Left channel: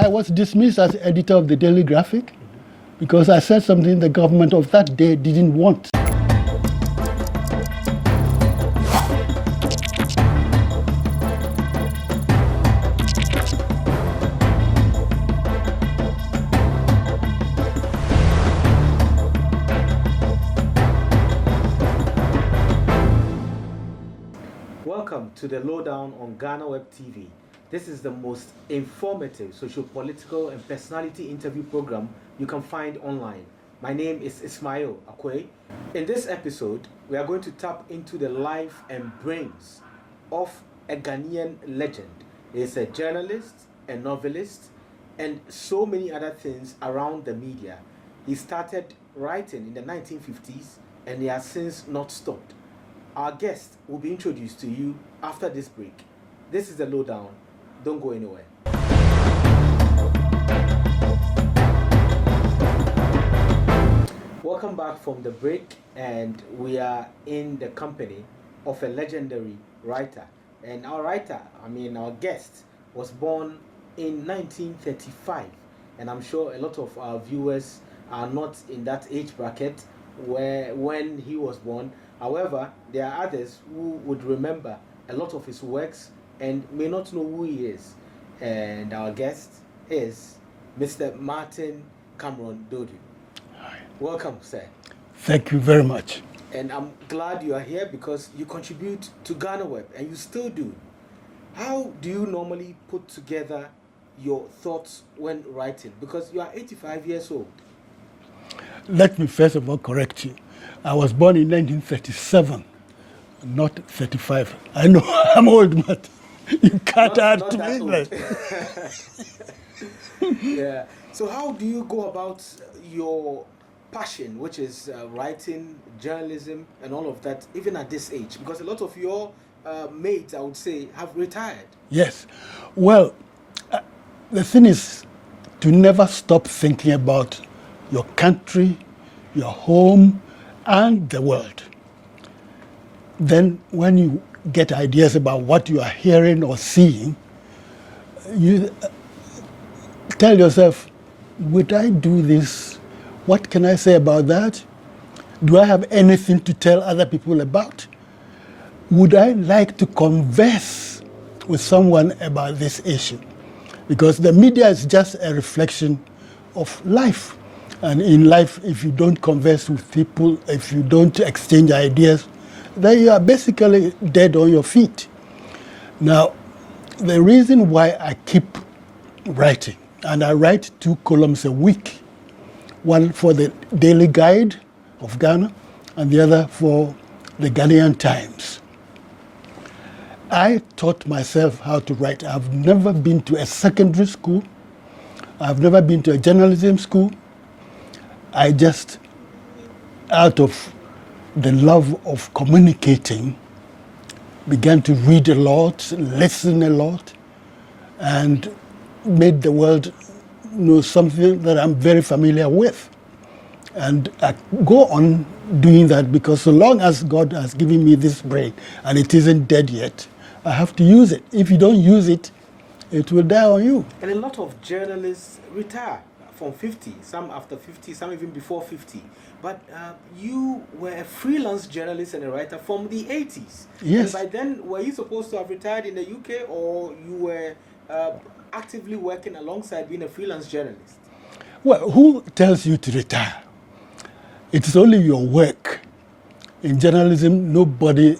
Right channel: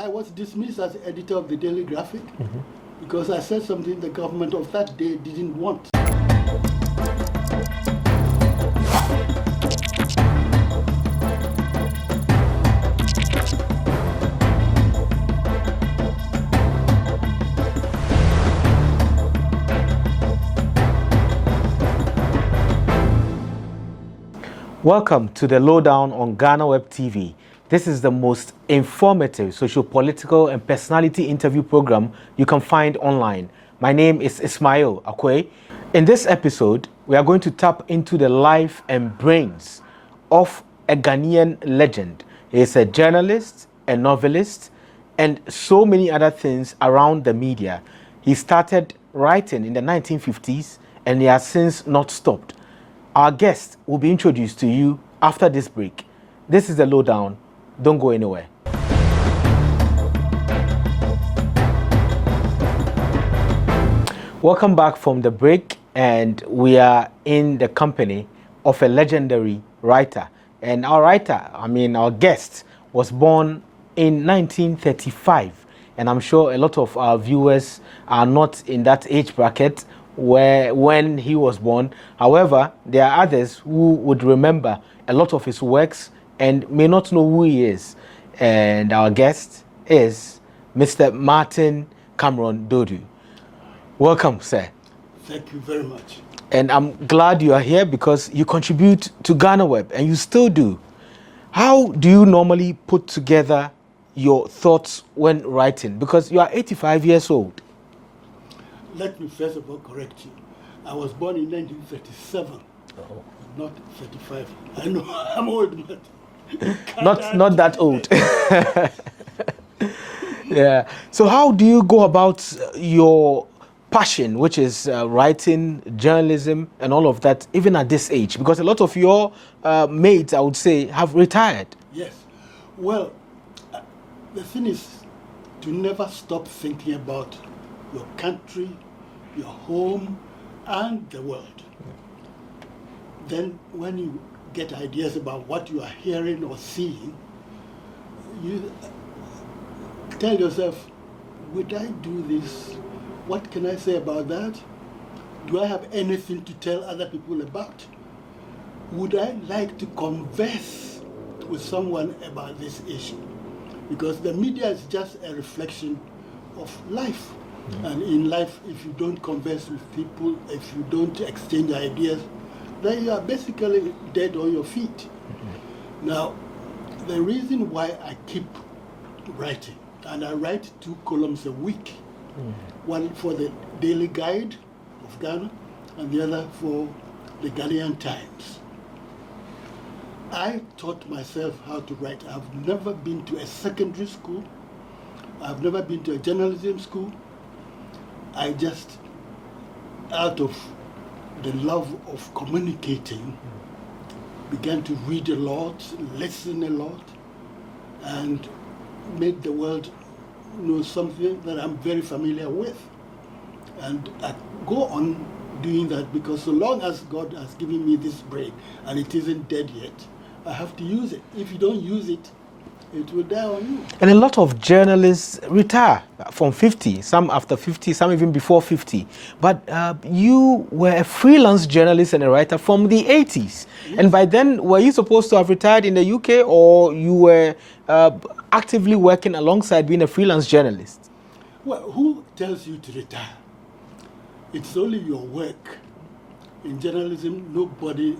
I was dismissed as editor of the Daily Graphic because I said something the government of that day didn't want. Welcome to the Lowdown on Ghanaweb TV. This is the most informative socio-political and personality interview program you can find online. My name is Ismail Akwei. In this episode, we are going to tap into the life and brains of a Ghanaian legend. He is a journalist, a novelist, and so many other things around the media. He started writing in the 1950s and he has since not stopped. Our guest will be introduced to you after this break. This is the Lowdown. Don't go anywhere. Welcome back from the break, and we are in the company of a legendary writer. And our guest was born in 1935. And I'm sure a lot of our viewers are not in that age bracket when he was born. However, there are others who would remember a lot of his works and may not know who he is. And our guest is Mr. Martinn Cameron Duodu. Welcome, sir. Thank you very much. And I'm glad you are here because you contribute to Ghanaweb, and you still do. How do you normally put together your thoughts when writing? Because you are 85 years old. Let me first of all correct you. I was born in 1937, not 35. I know I'm old, but you can't not that old. Yeah. So how do you go about your passion, which is writing, journalism, and all of that, even at this age? Because a lot of your mates, I would say, have retired. Yes. Well, the thing is to never stop thinking about your country, your home, and the world. Then when you get ideas about what you are hearing or seeing, you tell yourself, would I do this? What can I say about that? Do I have anything to tell other people about? Would I like to converse with someone about this issue? Because the media is just a reflection of life. And in life, if you don't converse with people, if you don't exchange ideas, then you are basically dead on your feet. Now, the reason why I keep writing, and I write 2 columns a week, one for the Daily Guide of Ghana and the other for the Ghanaian Times. I taught myself how to write. I've never been to a secondary school. I've never been to a journalism school. I just, out of the love of communicating, began to read a lot, listen a lot, and made the world know something that I'm very familiar with. And I go on doing that because so long as God has given me this brain and it isn't dead yet, I have to use it. If you don't use it, it will die on you. And a lot of journalists retire from 50, some after 50, some even before 50. But you were a freelance journalist and a writer from the 80s. Yes. And by then, were you supposed to have retired in the UK, or you were actively working alongside being a freelance journalist? Well, who tells you to retire? It's only your work. In journalism, nobody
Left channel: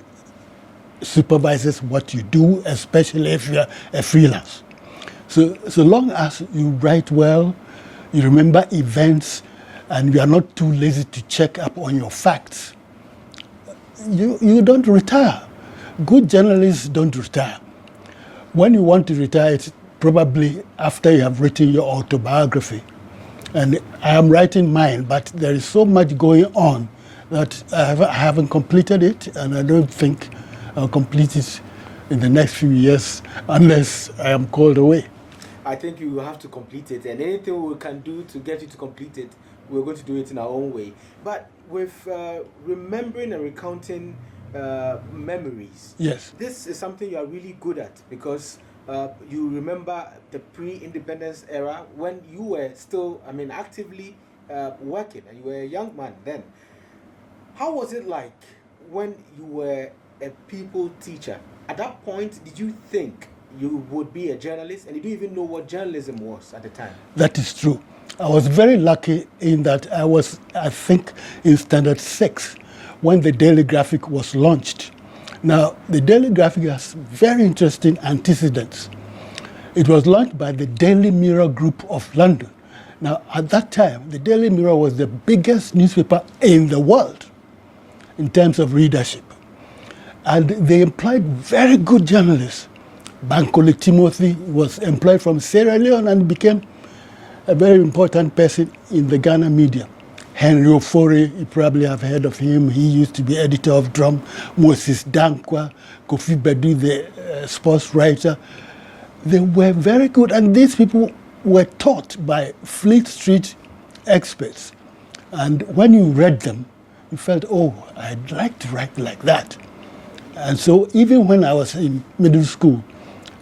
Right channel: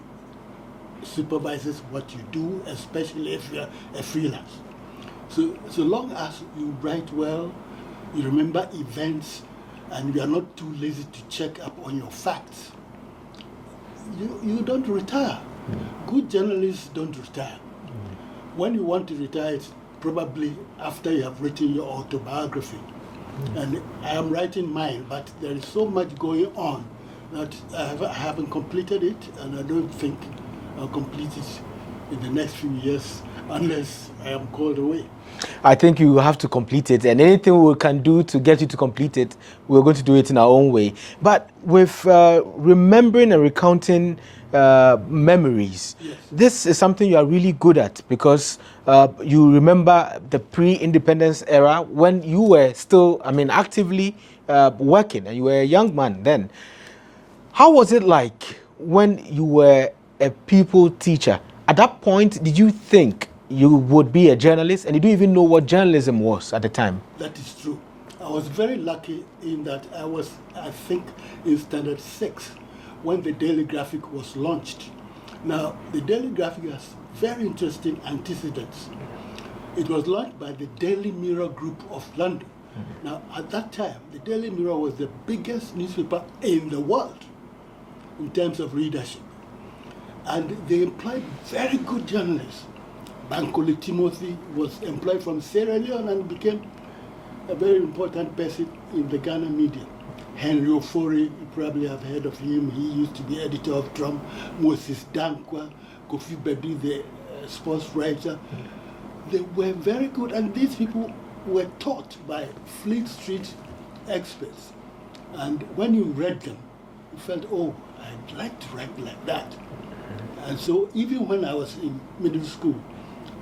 supervises what you do, especially if you're a freelance. So long as you write well, you remember events, and you are not too lazy to check up on your facts, you don't retire. Good journalists don't retire. When you want to retire, it's probably after you have written your autobiography. And I am writing mine, but there is so much going on that I haven't completed it, and I don't think I'll complete it in the next few years unless I am called away. I think you have to complete it, and anything we can do to get you to complete it, we're going to do it in our own way. But with remembering and recounting memories, yes, this is something you are really good at, because you remember the pre-independence era when you were still, actively working, and you were a young man then. How was it like when you were a pupil teacher? At that point, did you think you would be a journalist, and did you even know what journalism was at the time? That is true. I was very lucky in that I think, in Standard 6 when the Daily Graphic was launched. Now, the Daily Graphic has very interesting antecedents. It was launched by the Daily Mirror Group of London. Now, at that time, the Daily Mirror was the biggest newspaper in the world in terms of readership. And they employed very good journalists. Bankole Timothy was employed from Sierra Leone and became a very important person in the Ghana media. Henry Ofori, you probably have heard of him. He used to be editor of Drum. Moses Dankwa, Kofi Bedu, the sports writer. They were very good, and these people were taught by Fleet Street experts. And when you read them, you felt, oh, I'd like to write like that. And so even when I was in middle school,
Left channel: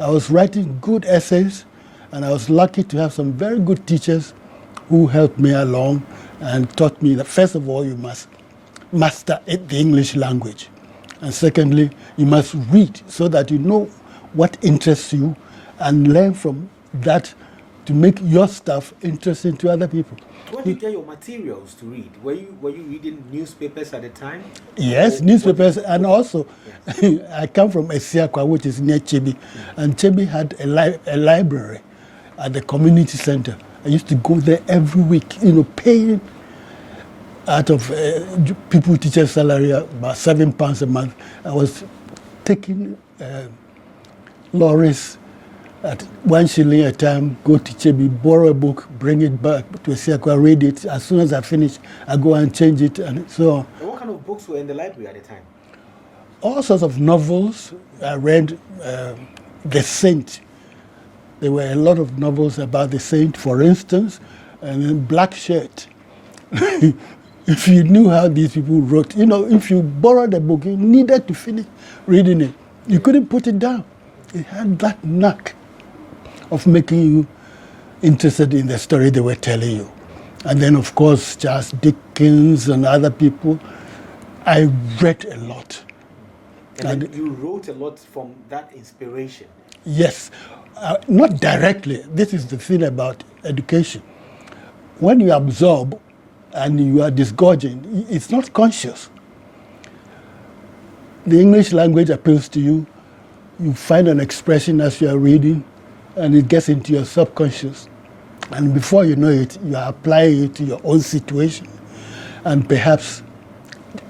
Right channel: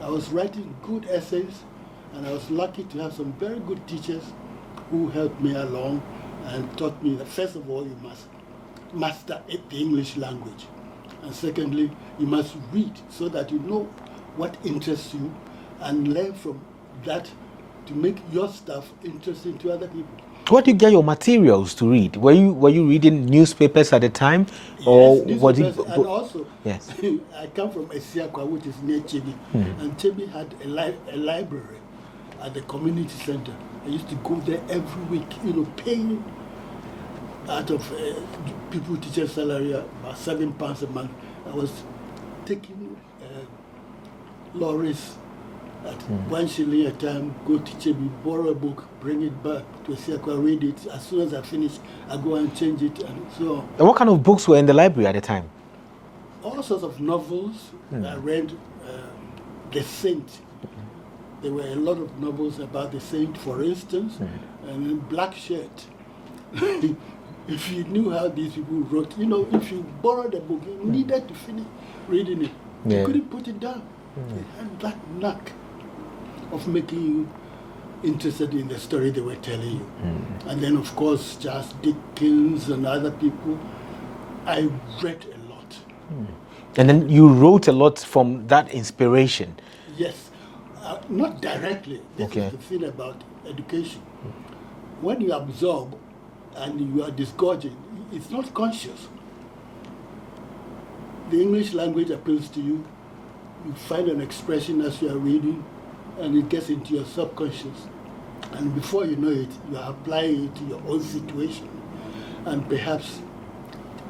I was writing good essays, and I was lucky to have some very good teachers who helped me along and taught me that, first of all, you must master the English language. And secondly, you must read so that you know what interests you and learn from that to make your stuff interesting to other people. Where do you get your materials to read? Were you reading newspapers at the time? Yes, newspapers, and also yes. I come from Esiakwa, which is near Chebi, and Chebi had a library at the community center. I used to go there every week, paying out of people teacher's salary about £7 a month. I was taking lorries at 1 shilling a time, go to Chebi, borrow a book, bring it back to Esiakwa, read it. As soon as I finish, I go and change it, and so on. And what kind of books were in the library at the time? All sorts of novels. I read The Saint. There were a lot of novels about the saint, for instance, and then Black Shirt. If you knew how these people wrote, if you borrowed a book, you needed to finish reading it. You couldn't put it down. It had that knack of making you interested in the story they were telling you. And then, of course, Charles Dickens and other people. I read a lot. And then you wrote a lot from that inspiration. Yes. Not directly. This is the thing about education. When you absorb and you are disgorging, it's not conscious. The English language appeals to you. You find an expression as you are reading, and it gets into your subconscious. And before you know it, you are applying it to your own situation and perhaps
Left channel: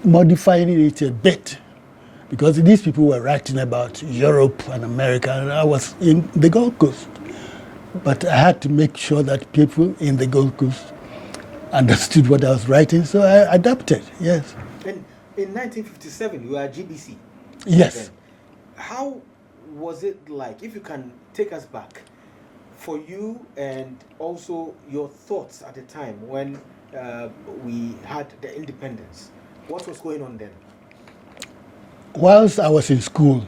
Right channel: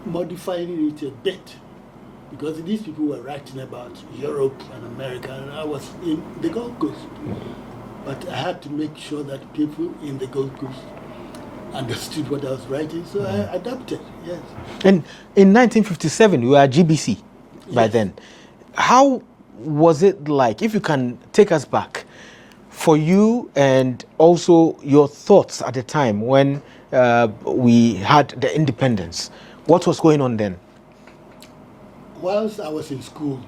modifying it a bit. Because these people were writing about Europe and America, and I was in the Gold Coast. But I had to make sure that people in the Gold Coast understood what I was writing, so I adapted, yes. And in 1957, you were at GBC by then. How was it like, if you can take us back, for you and also your thoughts at the time when we had the independence? What was going on then? Whilst I was in school,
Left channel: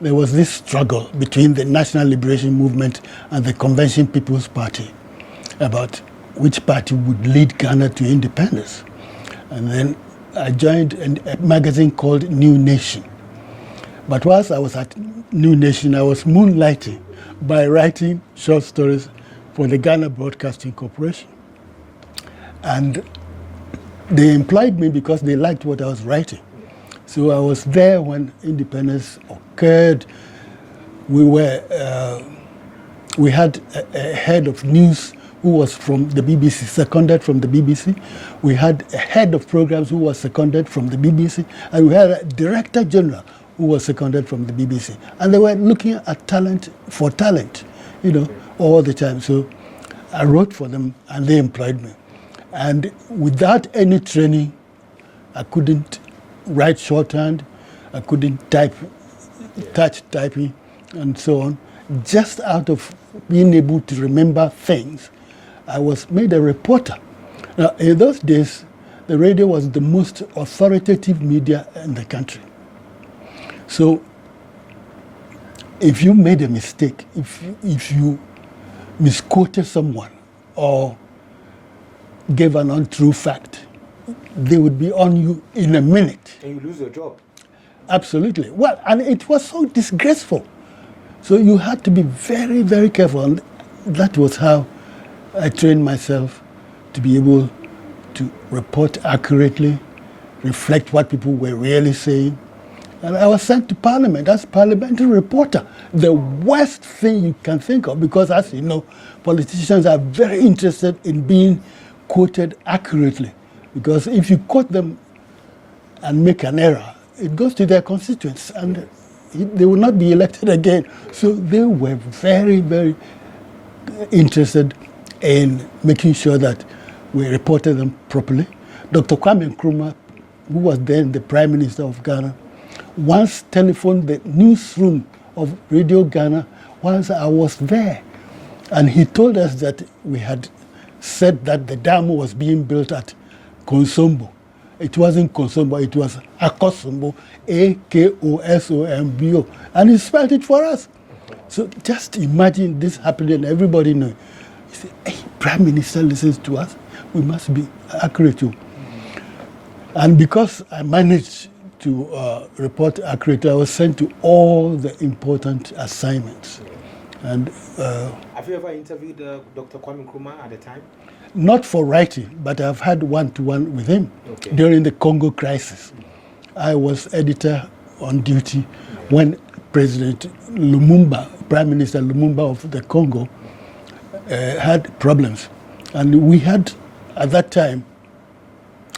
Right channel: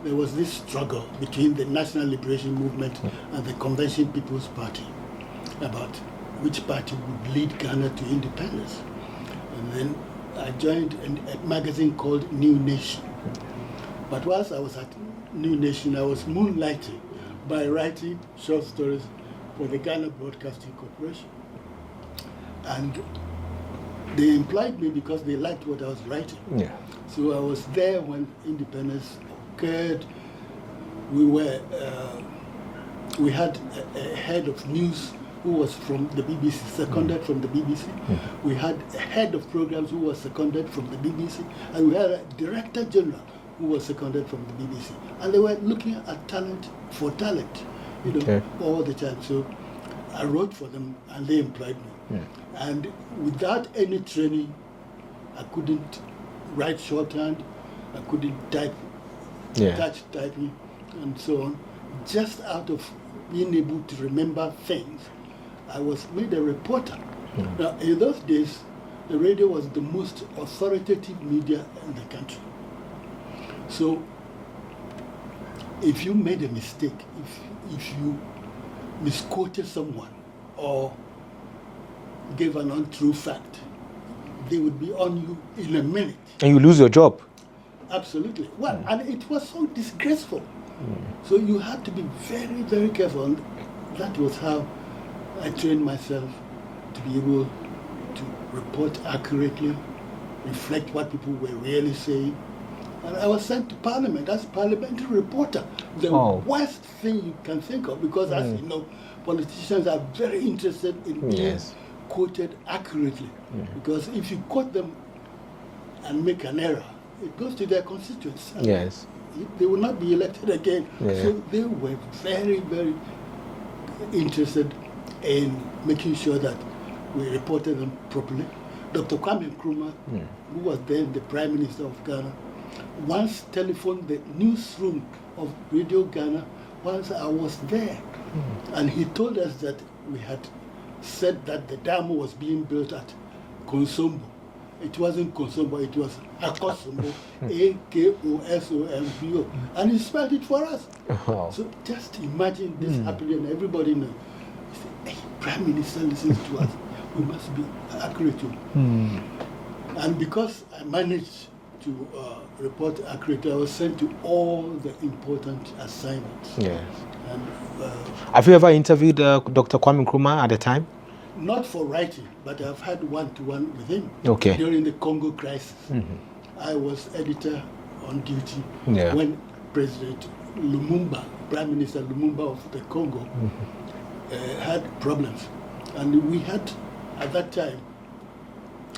there was this struggle between the National Liberation Movement and the Convention People's Party about which party would lead Ghana to independence. And then I joined a magazine called New Nation. But whilst I was at New Nation, I was moonlighting by writing short stories for the Ghana Broadcasting Corporation. And they employed me because they liked what I was writing. Yeah. So I was there when independence occurred. We had a head of news who was from the BBC, seconded from the BBC. We had a head of programs who was seconded from the BBC, and we had a director general who was seconded from the BBC. And they were looking at talent for talent, all the time. So I wrote for them, and they employed me. And without any training, I couldn't write shorthand, I couldn't type, touch typing, and so on. Just out of being able to remember things, I was made a reporter. Now, in those days, the radio was the most authoritative media in the country. So if you made a mistake, if you misquoted someone or gave an untrue fact, they would be on you in a minute. And you lose your job. Absolutely. Well, and it was so disgraceful. So you had to be very, very careful. And that was how I trained myself to be able to report accurately, reflect what people were really saying. And I was sent to Parliament as parliamentary reporter. The worst thing you can think of, because as you know, politicians are very interested in being quoted accurately. Because if you quote them and make an error, it goes to their constituents. And they will not be elected again. So they were very, very interested in making sure that we reported them properly. Dr. Kwame Nkrumah, who was then the Prime Minister of Ghana, once telephoned the newsroom of Radio Ghana once I was there. And he told us that we had said that the dam was being built at Konsombo. It wasn't Konsombo, it was Akosombo, Akosombo. And he spelled it for us. So just imagine this happening and everybody knows. He said, hey, Prime Minister listens to us. We must be accurate too. And because I managed to report accurately, I was sent to all the important assignments. And have you ever interviewed Dr. Kwame Nkrumah at the time? Not for writing, but I've had one-to-one with him during the Congo crisis. I was editor on duty when President Lumumba, Prime Minister Lumumba of the Congo, had problems. And we had, at that time,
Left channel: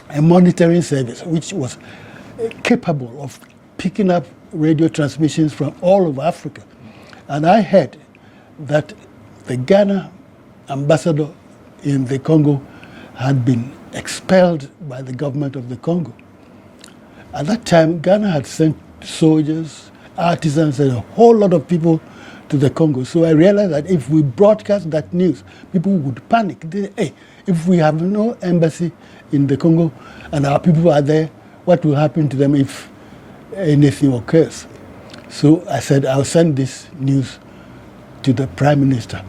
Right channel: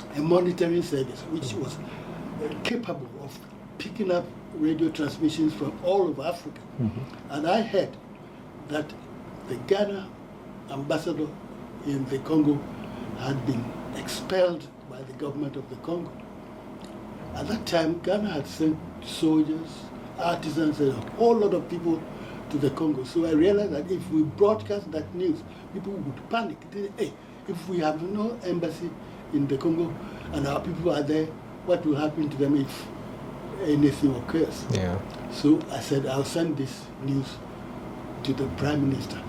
a monitoring service which was capable of picking up radio transmissions from all over Africa. And I heard that the Ghana ambassador in the Congo had been expelled by the government of the Congo. At that time, Ghana had sent soldiers, artisans, and a whole lot of people to the Congo. So I realized that if we broadcast that news, people would panic. They, hey, if we have no embassy in the Congo and our people are there, what will happen to them if anything occurs? So I said, I'll send this news to the Prime Minister.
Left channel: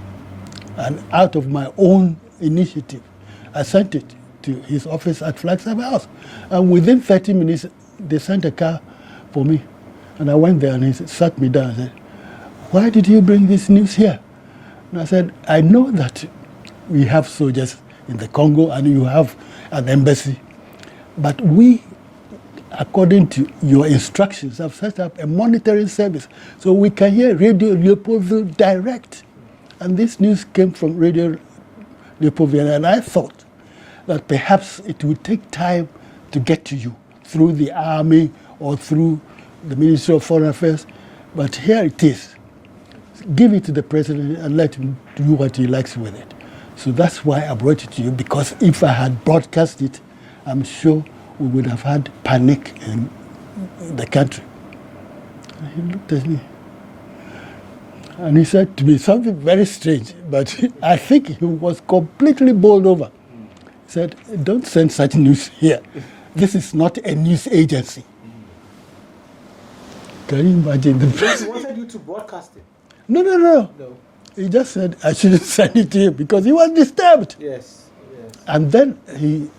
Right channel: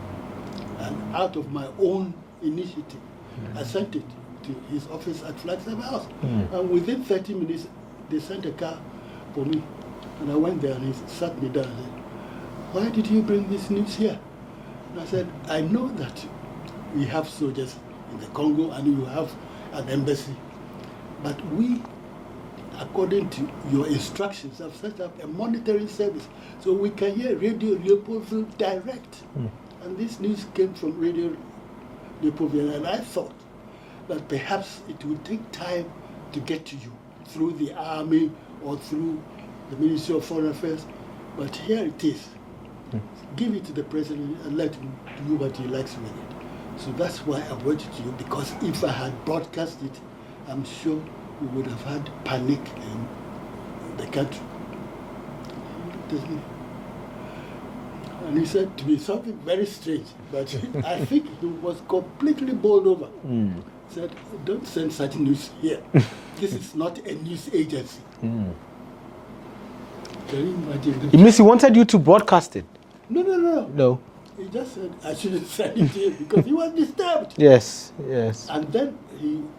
And out of my own initiative, I sent it to his office at Flagstaff House. And within 30 minutes, they sent a car for me. And I went there and he sat me down and said, why did you bring this news here? And I said, I know that we have soldiers in the Congo and you have an embassy, but we, according to your instructions, have set up a monitoring service so we can hear Radio Leopoldville direct. And this news came from Radio Leopoldville, and I thought that perhaps it would take time to get to you through the army or through the Ministry of Foreign Affairs, but here it is. Give it to the president and let him do what he likes with it. So that's why I brought it to you, because if I had broadcast it, I'm sure we would have had panic in the country. And he looked at me and he said to me something very strange, but I think he was completely bowled over. He said, don't send such news here. This is not a news agency. Can you imagine? Because he wanted you to broadcast it. No. He just said I shouldn't send it to him because he was disturbed. Yes. And then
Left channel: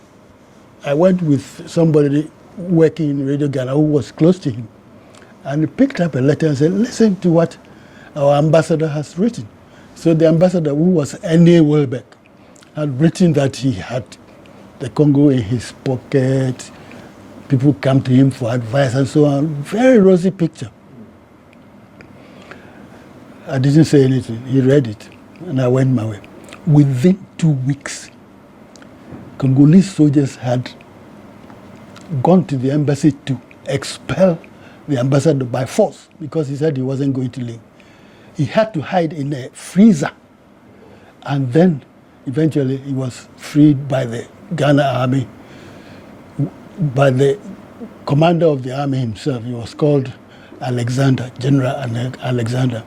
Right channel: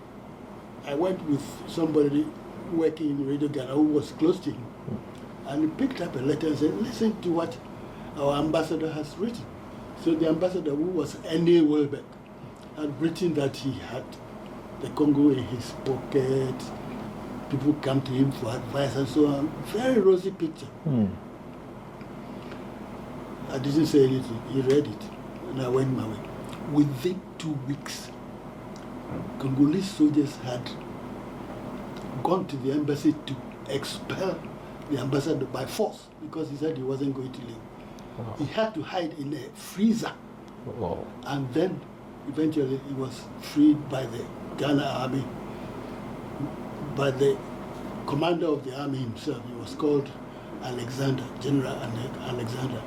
I went with somebody working in Radio Ghana who was close to him. And he picked up a letter and said, listen to what our ambassador has written. So the ambassador, who was N.A. Welbeck, had written that he had the Congo in his pocket, people come to him for advice and so on. Very rosy picture. I didn't say anything. He read it, and I went my way. Within 2 weeks, Congolese soldiers had gone to the embassy to expel the ambassador by force because he said he wasn't going to leave. He had to hide in a freezer. And then eventually he was freed by the Ghana army, by the commander of the army himself. He was called Alexander, General Alexander.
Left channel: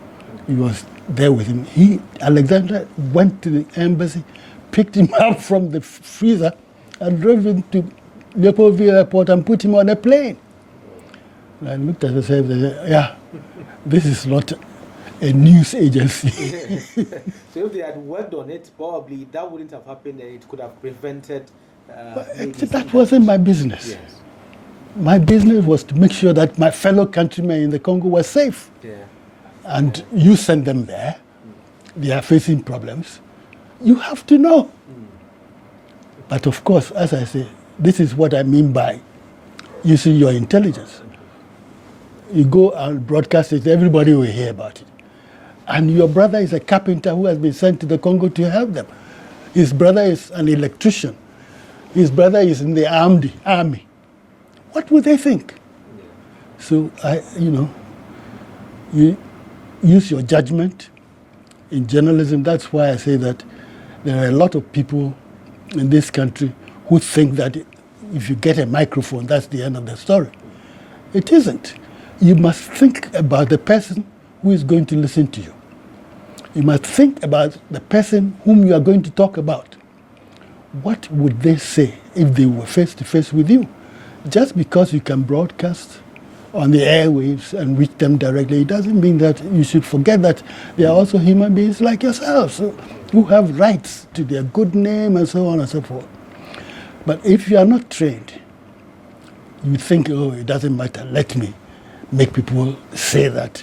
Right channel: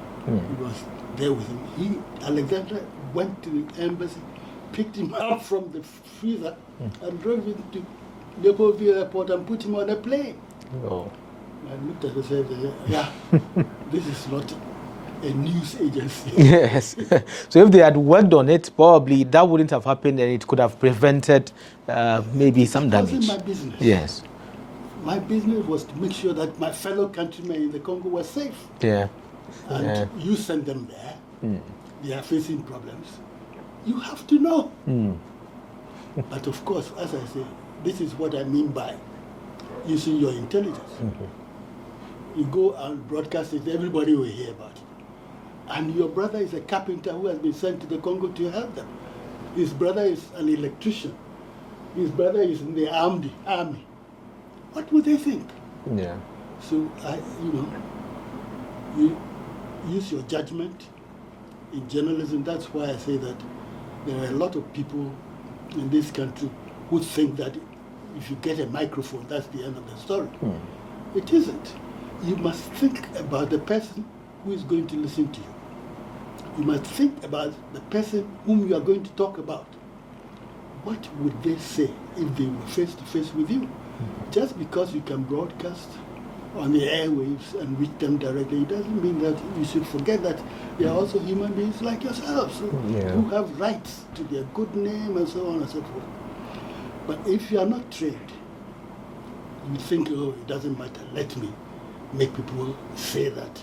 He was there with him. Alexander went to the embassy, picked him up from the freezer and drove him to Leopoldville Airport and put him on a plane. And I looked at myself and said, yeah, this is not a news agency. Yes. So if they had worked on it, probably that wouldn't have happened, and it could have prevented maybe some damage. That wasn't my business. Yes. My business was to make sure that my fellow countrymen in the Congo were safe. Yeah. And you send them there. They are facing problems. You have to know. But of course, as I say, this is what I mean by using your intelligence. You go and broadcast it, everybody will hear about it. And your brother is a carpenter who has been sent to the Congo to help them. His brother is an electrician. His brother is in the army. What would they think? Yeah. So, you use your judgment in journalism. That's why I say that there are a lot of people in this country who think that if you get a microphone, that's the end of the story. It isn't. You must think about the person who is going to listen to you. You must think about the person whom you are going to talk about. What would they say if they were face to face with you? Just because you can broadcast on the airwaves and reach them directly, it doesn't mean that you should forget that they are also human beings like yourselves who have rights to their good name and so on and so forth. But if you are not trained, you think, oh, it doesn't matter, let me make people say that.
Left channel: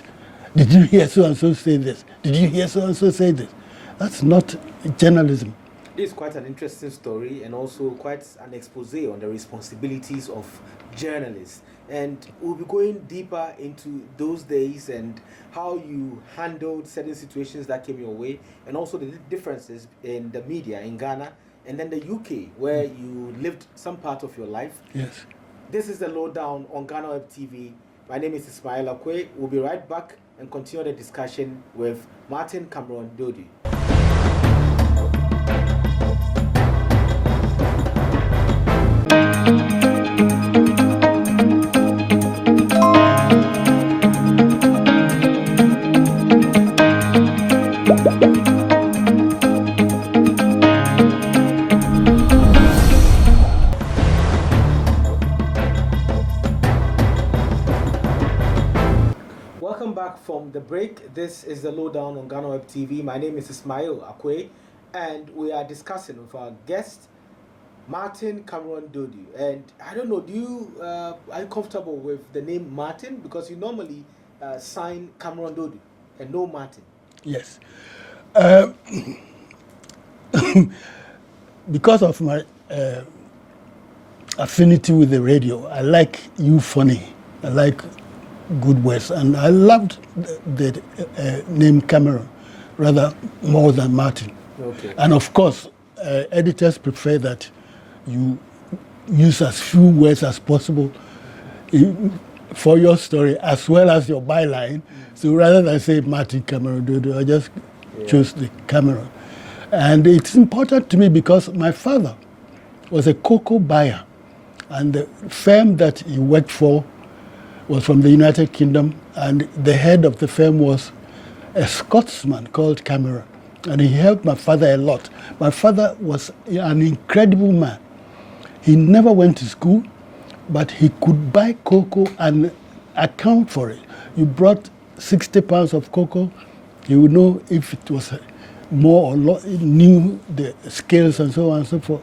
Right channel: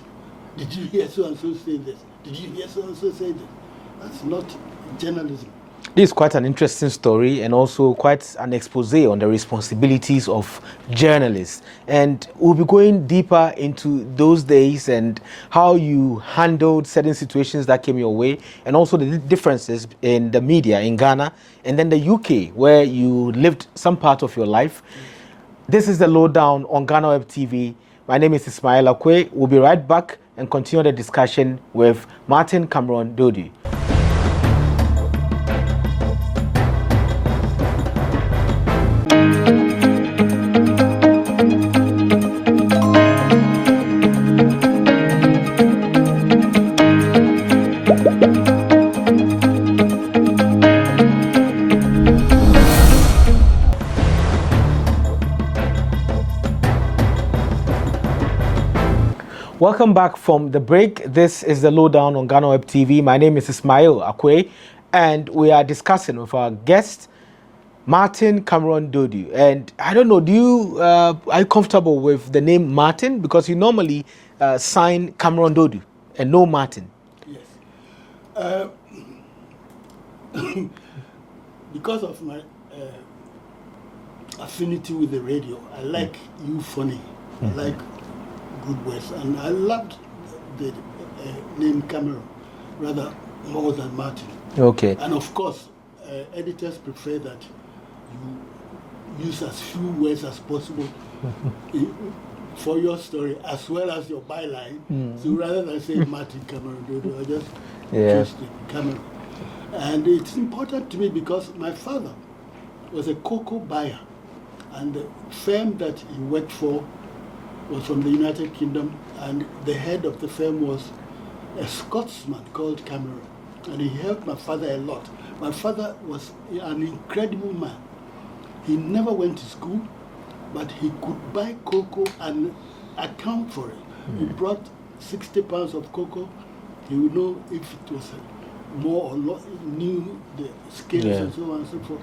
Did you hear so-and-so say this? Did you hear so-and-so say this? That's not journalism. This is quite an interesting story and also quite an expose on the responsibilities of journalists. And we'll be going deeper into those days and how you handled certain situations that came your way, and also the differences in the media in Ghana and then the UK, where you lived some part of your life. Yes. This is the Lowdown on Ghanaweb TV. My name is Ismail Akwei. We'll be right back and continue the discussion with Martinn Cameron Duodu. Welcome back from the break. This is the Lowdown on Ghanaweb TV. My name is Ismail Akwei, and we are discussing with our guest, Martinn Cameron Duodu. And I don't know, are you comfortable with the name Martinn? Because you normally sign Cameron Duodu and no Martinn. Yes. Because of my affinity with the radio, I like you funny. I like good words, and I loved the name Cameron rather more than Martinn. Okay. And of course, editors prefer that you use as few words as possible for your story as well as your byline. So rather than say Martinn Cameron Duodu, I just choose the Cameron. And it's important to me because my father was a cocoa buyer, and the firm that he worked for was from the United Kingdom, and the head of the firm was a Scotsman called Cameron, and he helped my father a lot. My father was an incredible man. He never went to school, but he could buy cocoa and account for it. You brought 60 pounds of cocoa, he would know if it was more or less, knew the scales and so on and so forth.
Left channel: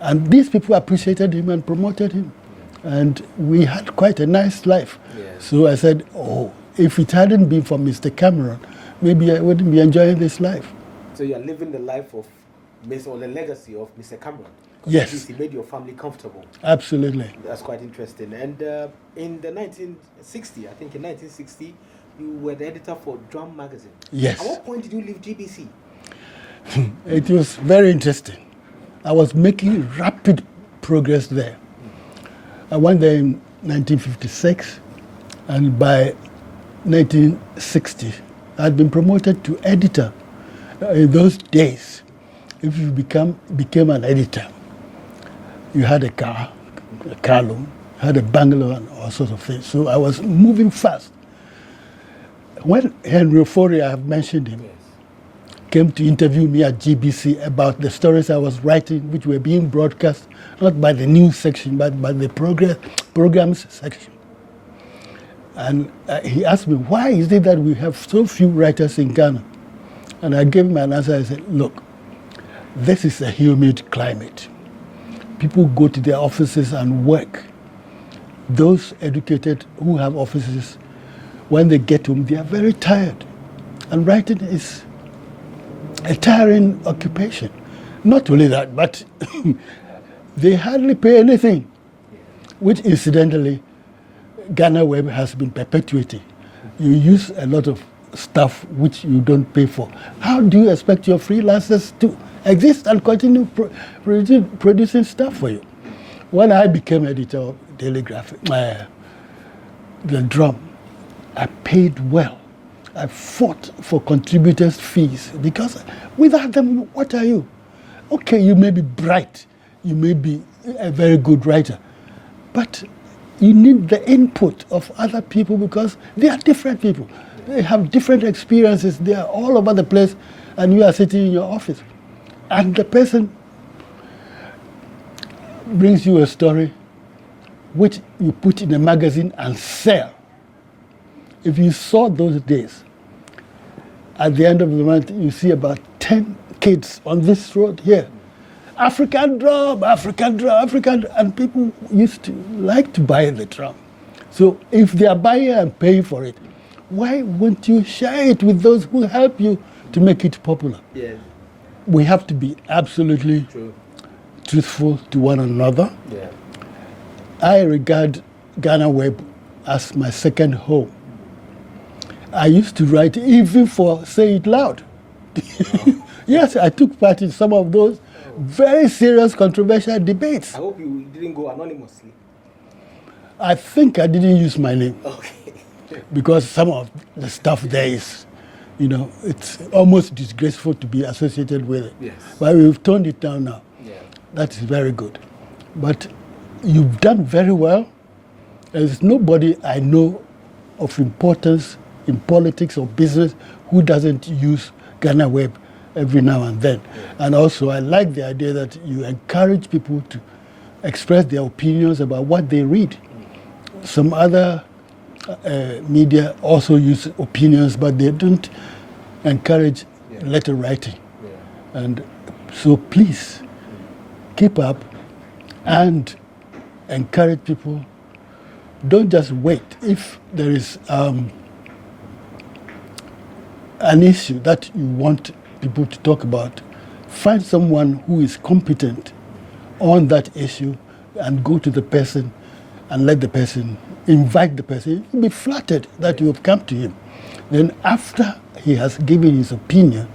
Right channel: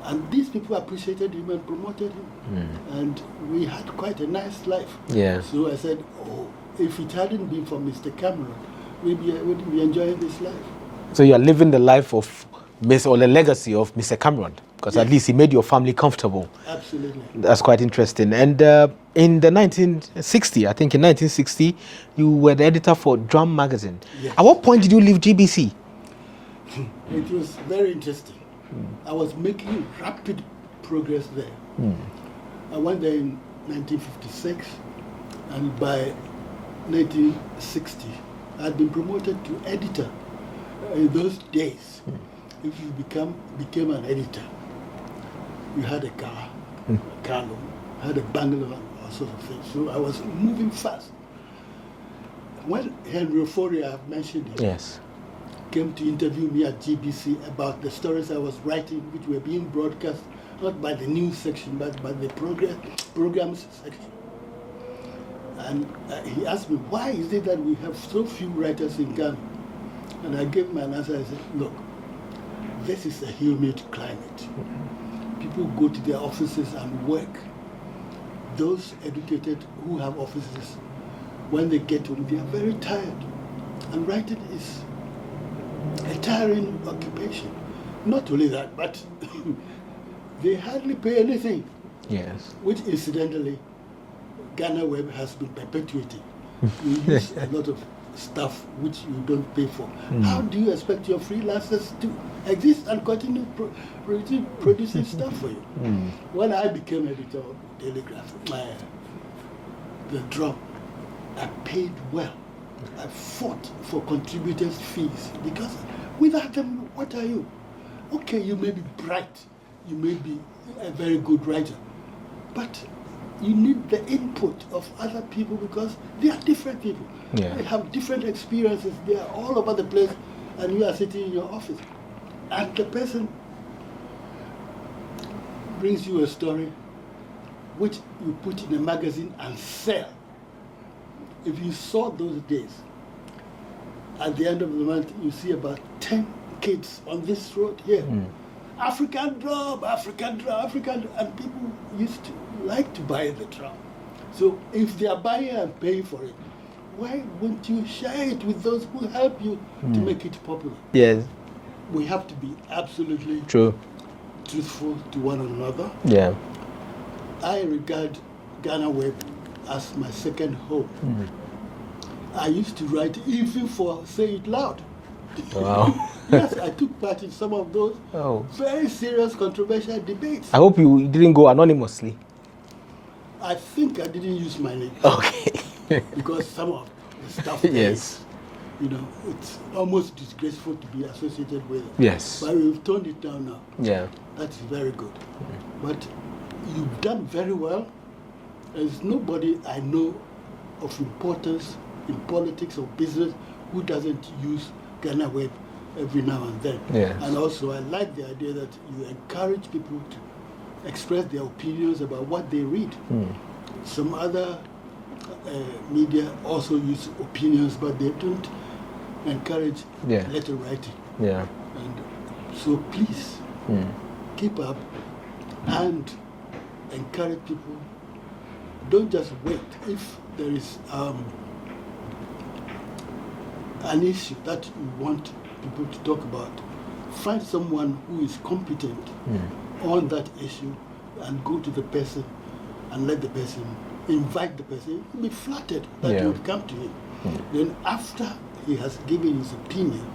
And these people appreciated him and promoted him. And we had quite a nice life. Yes. So I said, oh, if it hadn't been for Mr. Cameron, maybe I wouldn't be enjoying this life. So you are living the life of or the legacy of Mr. Cameron, because at least he made your family comfortable. Absolutely. That's quite interesting. And in the 1960, I think in 1960, you were the editor for Drum magazine. Yes. At what point did you leave GBC? It was very interesting. I was making rapid progress there. I went there in 1956, and by 1960, I had been promoted to editor. In those days, if you became an editor, you had a car loan, had a bungalow, and all sorts of things. So I was moving fast. When Henry Ofori, I have mentioned him, came to interview me at GBC about the stories I was writing, which were being broadcast not by the news section, but by the programs section. And he asked me, why is it that we have so few writers in Ghana? And I gave him an answer. I said, look, this is a humid climate. People go to their offices and work. Those educated who have offices, when they get home, they are very tired. And writing is a tiring occupation. Not only that, but they hardly pay anything. Yes. Which incidentally, Ghanaweb has been perpetuating. You use a lot of stuff which you don't pay for. How do you expect your freelancers to exist and continue producing stuff for you? When I became editor of Daily Graphic, the Drum, I paid well. I fought for contributors' fees because without them, what are you? Okay, you may be bright, you may be a very good writer, but you need the input of other people because they are different people. Yeah. They have different experiences. They are all over the place, and you are sitting in your office. And the person brings you a story which you put in a magazine and sell. If you saw those days, at the end of the month, you see about 10 kids on this road here. African drum, African drum, African drum. And people used to like to buy the drum. So if they are buying and paying for it, why won't you share it with those who help you to make it popular? Yes. We have to be absolutely truthful to one another. Yeah. I regard Ghanaweb as my second home. I used to write even for Say It Loud. Wow. Yes, I took part in some of those very serious, controversial debates. I hope you didn't go anonymously. I think I didn't use my name. Okay. Because some of the stuff there is, you know, it's almost disgraceful to be associated with it. Yes. But we've toned it down now. Yeah. That is very good. But you've done very well. There's nobody I know of importance in politics or business who doesn't use Ghanaweb every now and then. Yes. And also, I like the idea that you encourage people to express their opinions about what they read. Some other media also use opinions, but they don't encourage letter writing. Yeah. And so please keep up and encourage people. Don't just wait. If there is an issue that you want people to talk about, find someone who is competent on that issue and go to the person and let the person, invite the person. You'll be flattered that you have come to him. Then after he has given his opinion,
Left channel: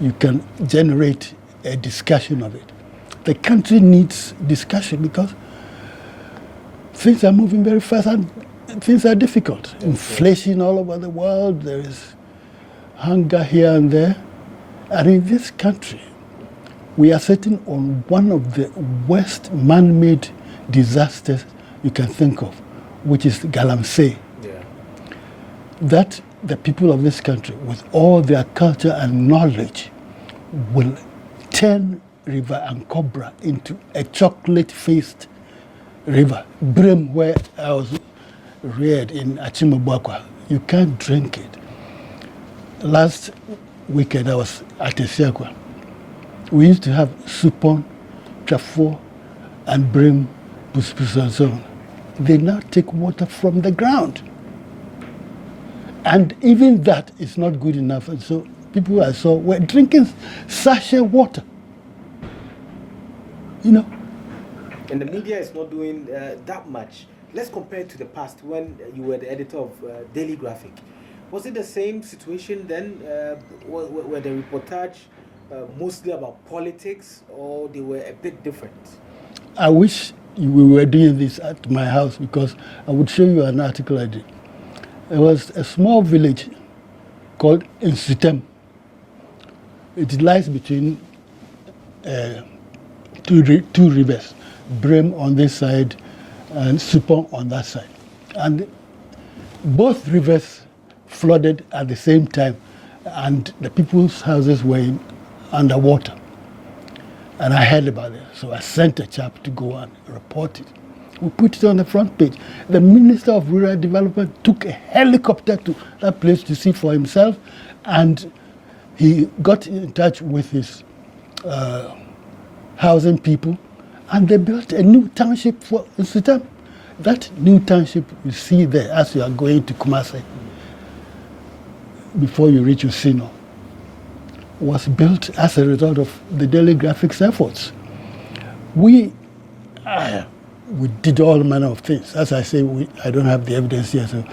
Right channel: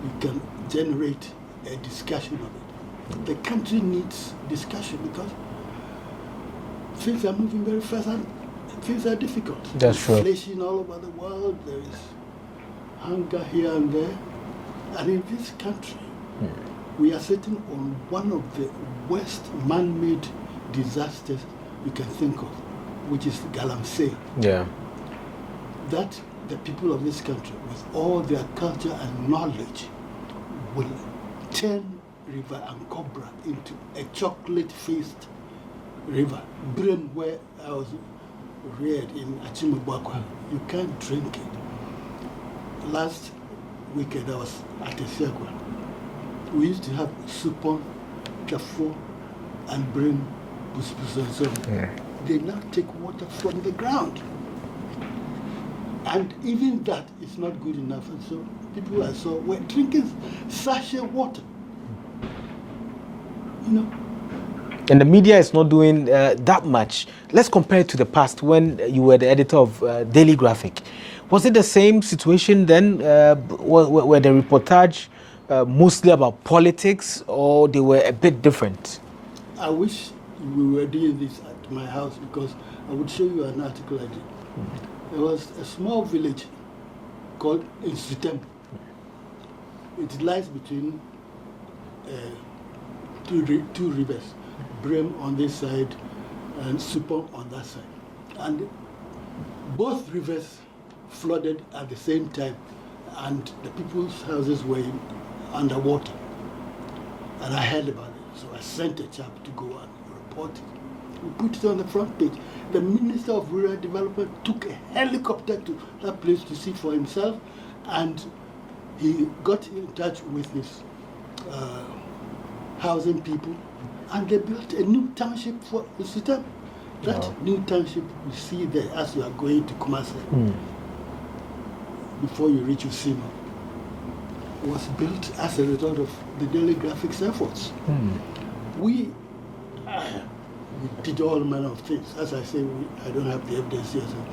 you can generate a discussion of it. The country needs discussion because things are moving very fast and things are difficult. There's inflation all over the world. There is hunger here and there. And in this country, we are sitting on one of the worst man-made disasters you can think of, which is Galamasey. Yeah. That the people of this country, with all their culture and knowledge, will turn River Ankobra into a chocolate-faced river. Brim, where I was reared in Achimabwakwa, you can't drink it. Last weekend I was at Esiakwa. We used to have Supon, Trafo, and Brim, Puspus and so on. They now take water from the ground. And even that is not good enough. And so people I saw were drinking sachet water. You know? And the media is not doing that much. Let's compare it to the past when you were the editor of Daily Graphic. Was it the same situation then? Were the reportage mostly about politics, or they were a bit different? I wish we were doing this at my house because I would show you an article I did. There was a small village called Insutem. It lies between two rivers, Brim on this side and Supon on that side. And both rivers flooded at the same time, and the people's houses were underwater. And I heard about it, so I sent a chap to go and report it. We put it on the front page. The Minister of Rural Development took a helicopter to that place to see for himself, and he got in touch with his housing people, and they built a new township for Sudan. That new township you see there as you are going to Kumasi, before you reach Usino, was built as a result of the Daily Graphics efforts. We did all manner of things. As I say, I don't have the evidence here. So,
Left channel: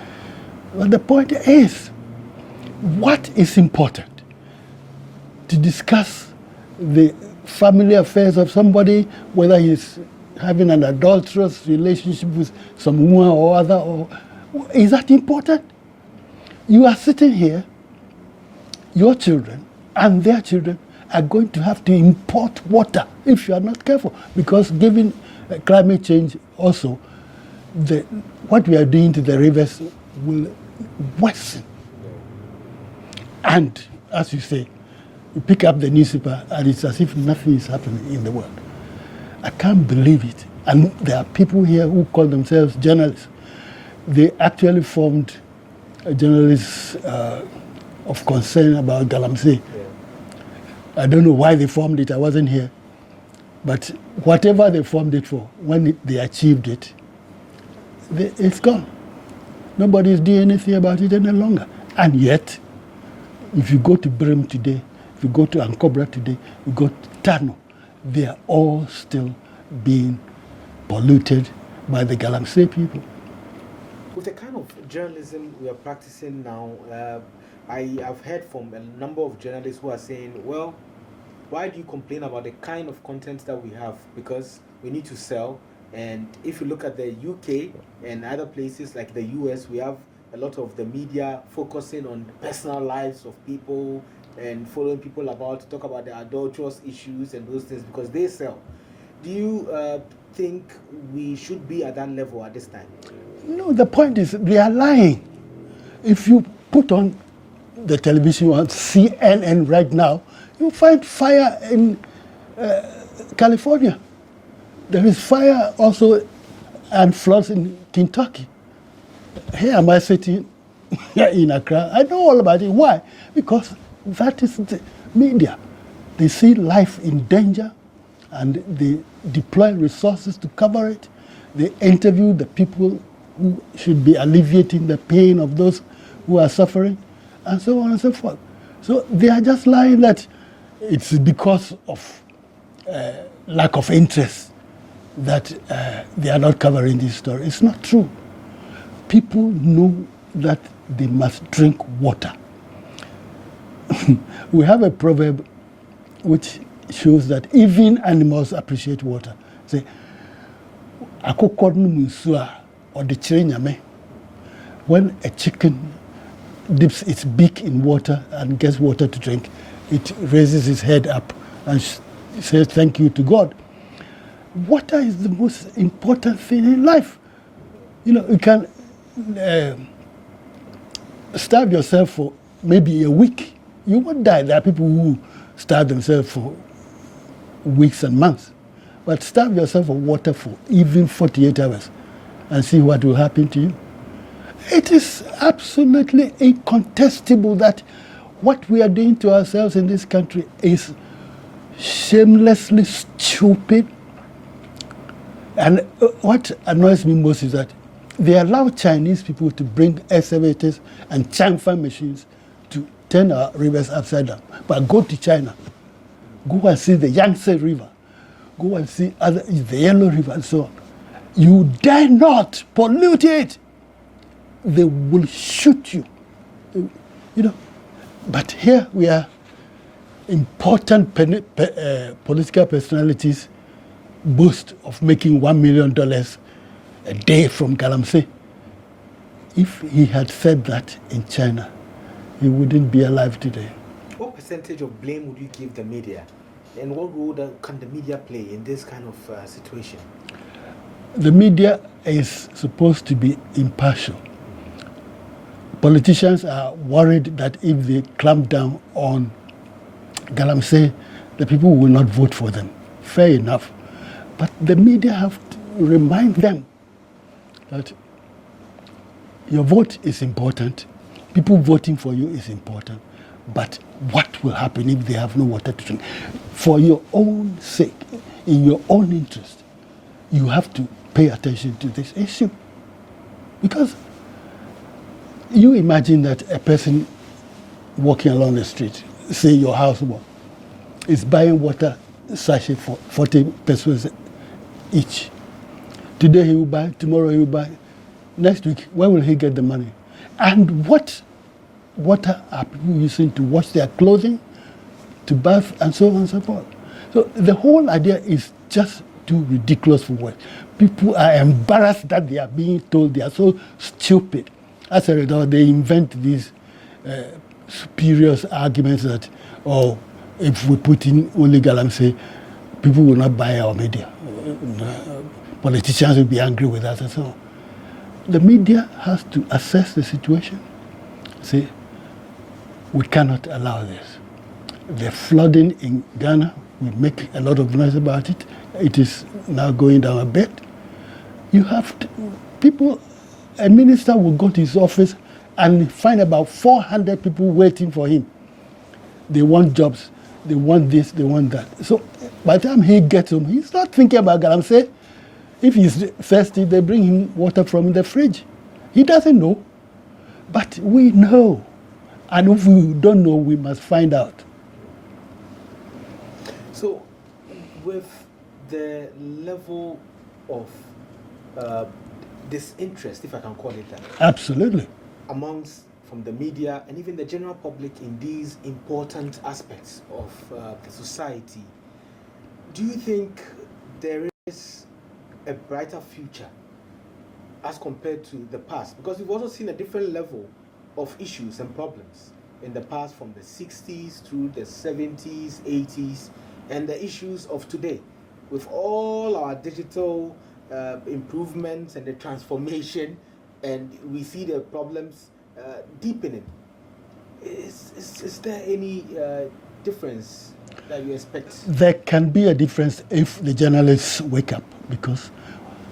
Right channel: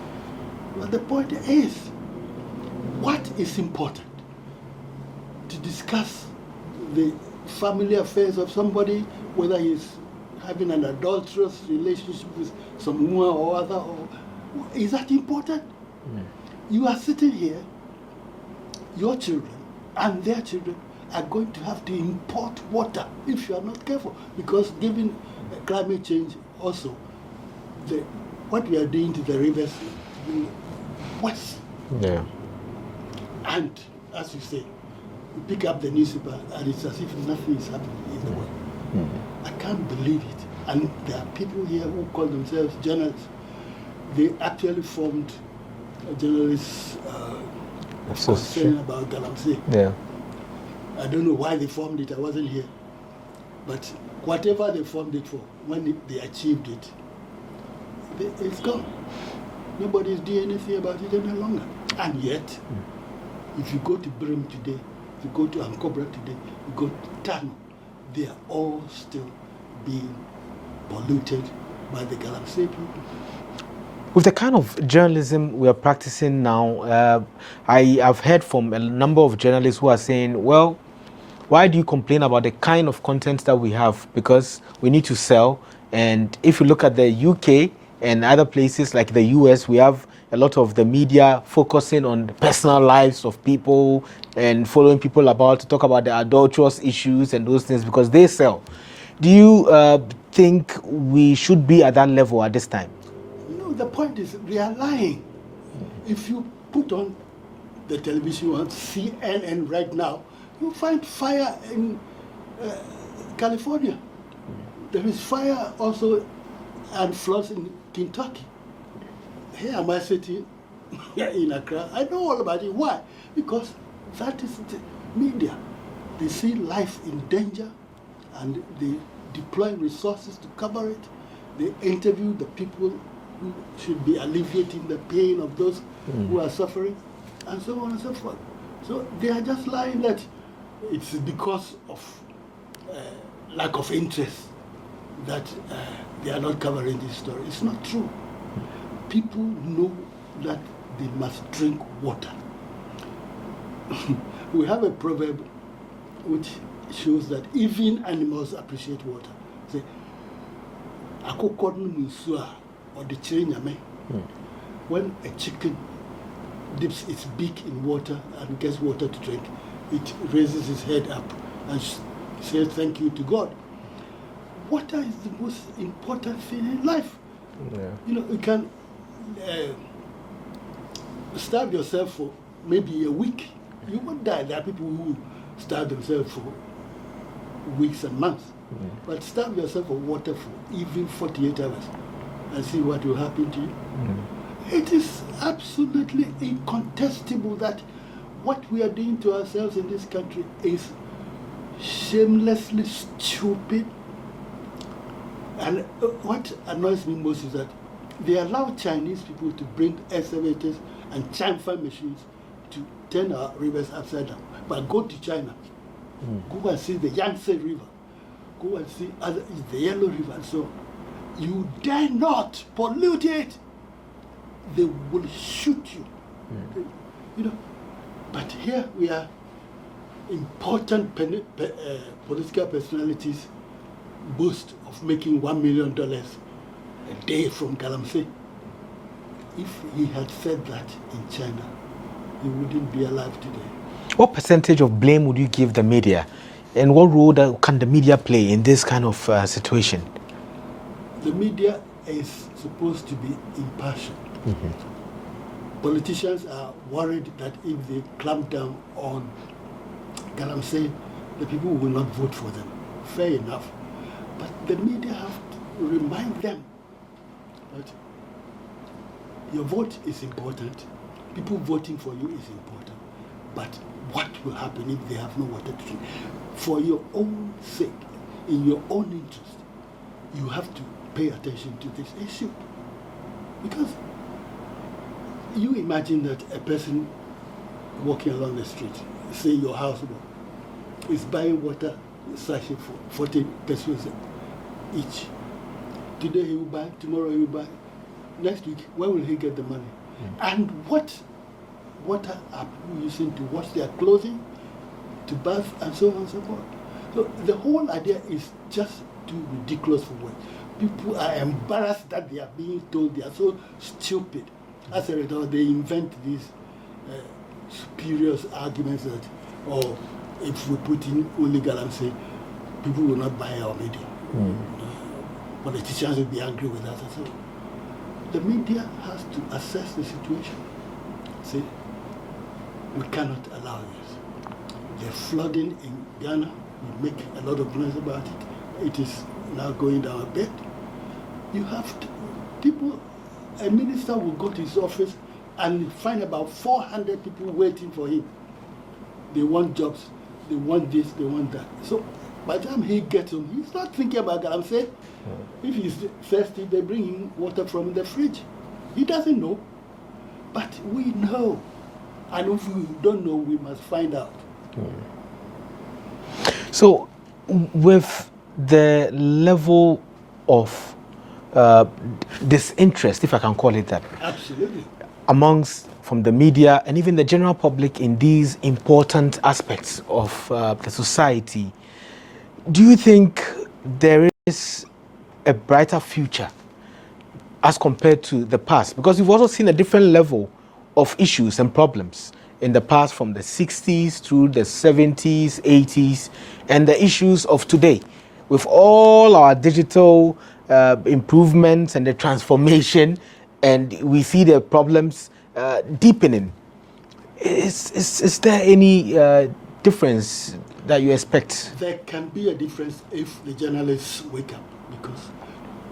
but the point is, what is important? To discuss the family affairs of somebody, whether he's having an adulterous relationship with some woman or other, or is that important? You are sitting here, your children and their children are going to have to import water if you are not careful, because given climate change also, what we are doing to the rivers will worsen. Yeah. And as you say, you pick up the newspaper and it's as if nothing is happening in the world. I can't believe it. And there are people here who call themselves journalists. They actually formed a journalist of concern about Galamasey. Yeah. I don't know why they formed it. I wasn't here. But whatever they formed it for, when they achieved it, it's gone. Nobody is doing anything about it any longer. And yet, if you go to Brim today, if you go to Ankobra today, you go to Tano, they are all still being polluted by the Galamasey people. With the kind of journalism we are practicing now, I've heard from a number of journalists who are saying, well, why do you complain about the kind of content that we have? Because we need to sell. And if you look at the UK and other places like the US, we have a lot of the media focusing on the personal lives of people and following people about to talk about the adulterous issues and those things because they sell. Do you think we should be at that level at this time? No, the point is they are lying. If you put on the television on CNN right now, you find fire in California. There is fire also and floods in Kentucky. Here am I sitting in Accra. I know all about it. Why? Because that is the media. They see life in danger and they deploy resources to cover it. They interview the people who should be alleviating the pain of those who are suffering, and so on and so forth. So they are just lying that it's because of lack of interest that they are not covering this story. It's not true. People know that they must drink water. We have a proverb which shows that even animals appreciate water. Say, when a chicken dips its beak in water and gets water to drink, it raises its head up and says thank you to God. Water is the most important thing in life. Yeah. You know, you can starve yourself for maybe a week. You won't die. There are people who starve themselves for weeks and months. Yeah. But starve yourself for water for even 48 hours and see what will happen to you. It is absolutely incontestable that what we are doing to ourselves in this country is shamelessly stupid. And what annoys me most is that they allow Chinese people to bring excavators and chamfer machines to turn our rivers upside down. But go to China, go and see the Yangtze River, go and see the Yellow River and so on. You dare not pollute it. They will shoot you. You know. But here we are, important political personalities boast of making $1 million a day from Galamasey. If he had said that in China, he wouldn't be alive today. What percentage of blame would you give the media? And what role can the media play in this kind of situation? The media is supposed to be impartial. Politicians are worried that if they clamp down on Galamasey, the people will not vote for them. Fair enough. But the media have to remind them that your vote is important, people voting for you is important, but what will happen if they have no water to drink? For your own sake, in your own interest, you have to pay attention to this issue. Because you imagine that a person walking along the street, say your housework, is buying water sachet for 40 pesos each. Today he will buy, tomorrow he will buy. Next week, where will he get the money? And what water are people using to wash their clothing, to bath, and so on and so forth? So the whole idea is just too ridiculous for words. People are embarrassed that they are being told they are so stupid. As a result, they invent these spurious arguments that, oh, if we put in only Galamasey, people will not buy our media. Politicians will be angry with us and so on. The media has to assess the situation. Say, we cannot allow this. The flooding in Ghana, we make a lot of noise about it. It is now going down a bit. You have to, people, a minister will go to his office and find about 400 people waiting for him. They want jobs, they want this, they want that. So by the time he gets home, he's not thinking about Galamasey. If he's thirsty, they bring him water from the fridge. He doesn't know, but we know. And if we don't know, we must find out. So with the level of disinterest, if I can call it that. Absolutely. Amongst, from the media and even the general public in these important aspects of the society, do you think there is a brighter future as compared to the past? Because we've also seen a different level of issues and problems in the past, from the 60s through the 70s, 80s, and the issues of today. With all our digital improvements and the transformation, and we see the problems deepening. Is there any difference that you expect? There can be a difference if the journalists wake up, because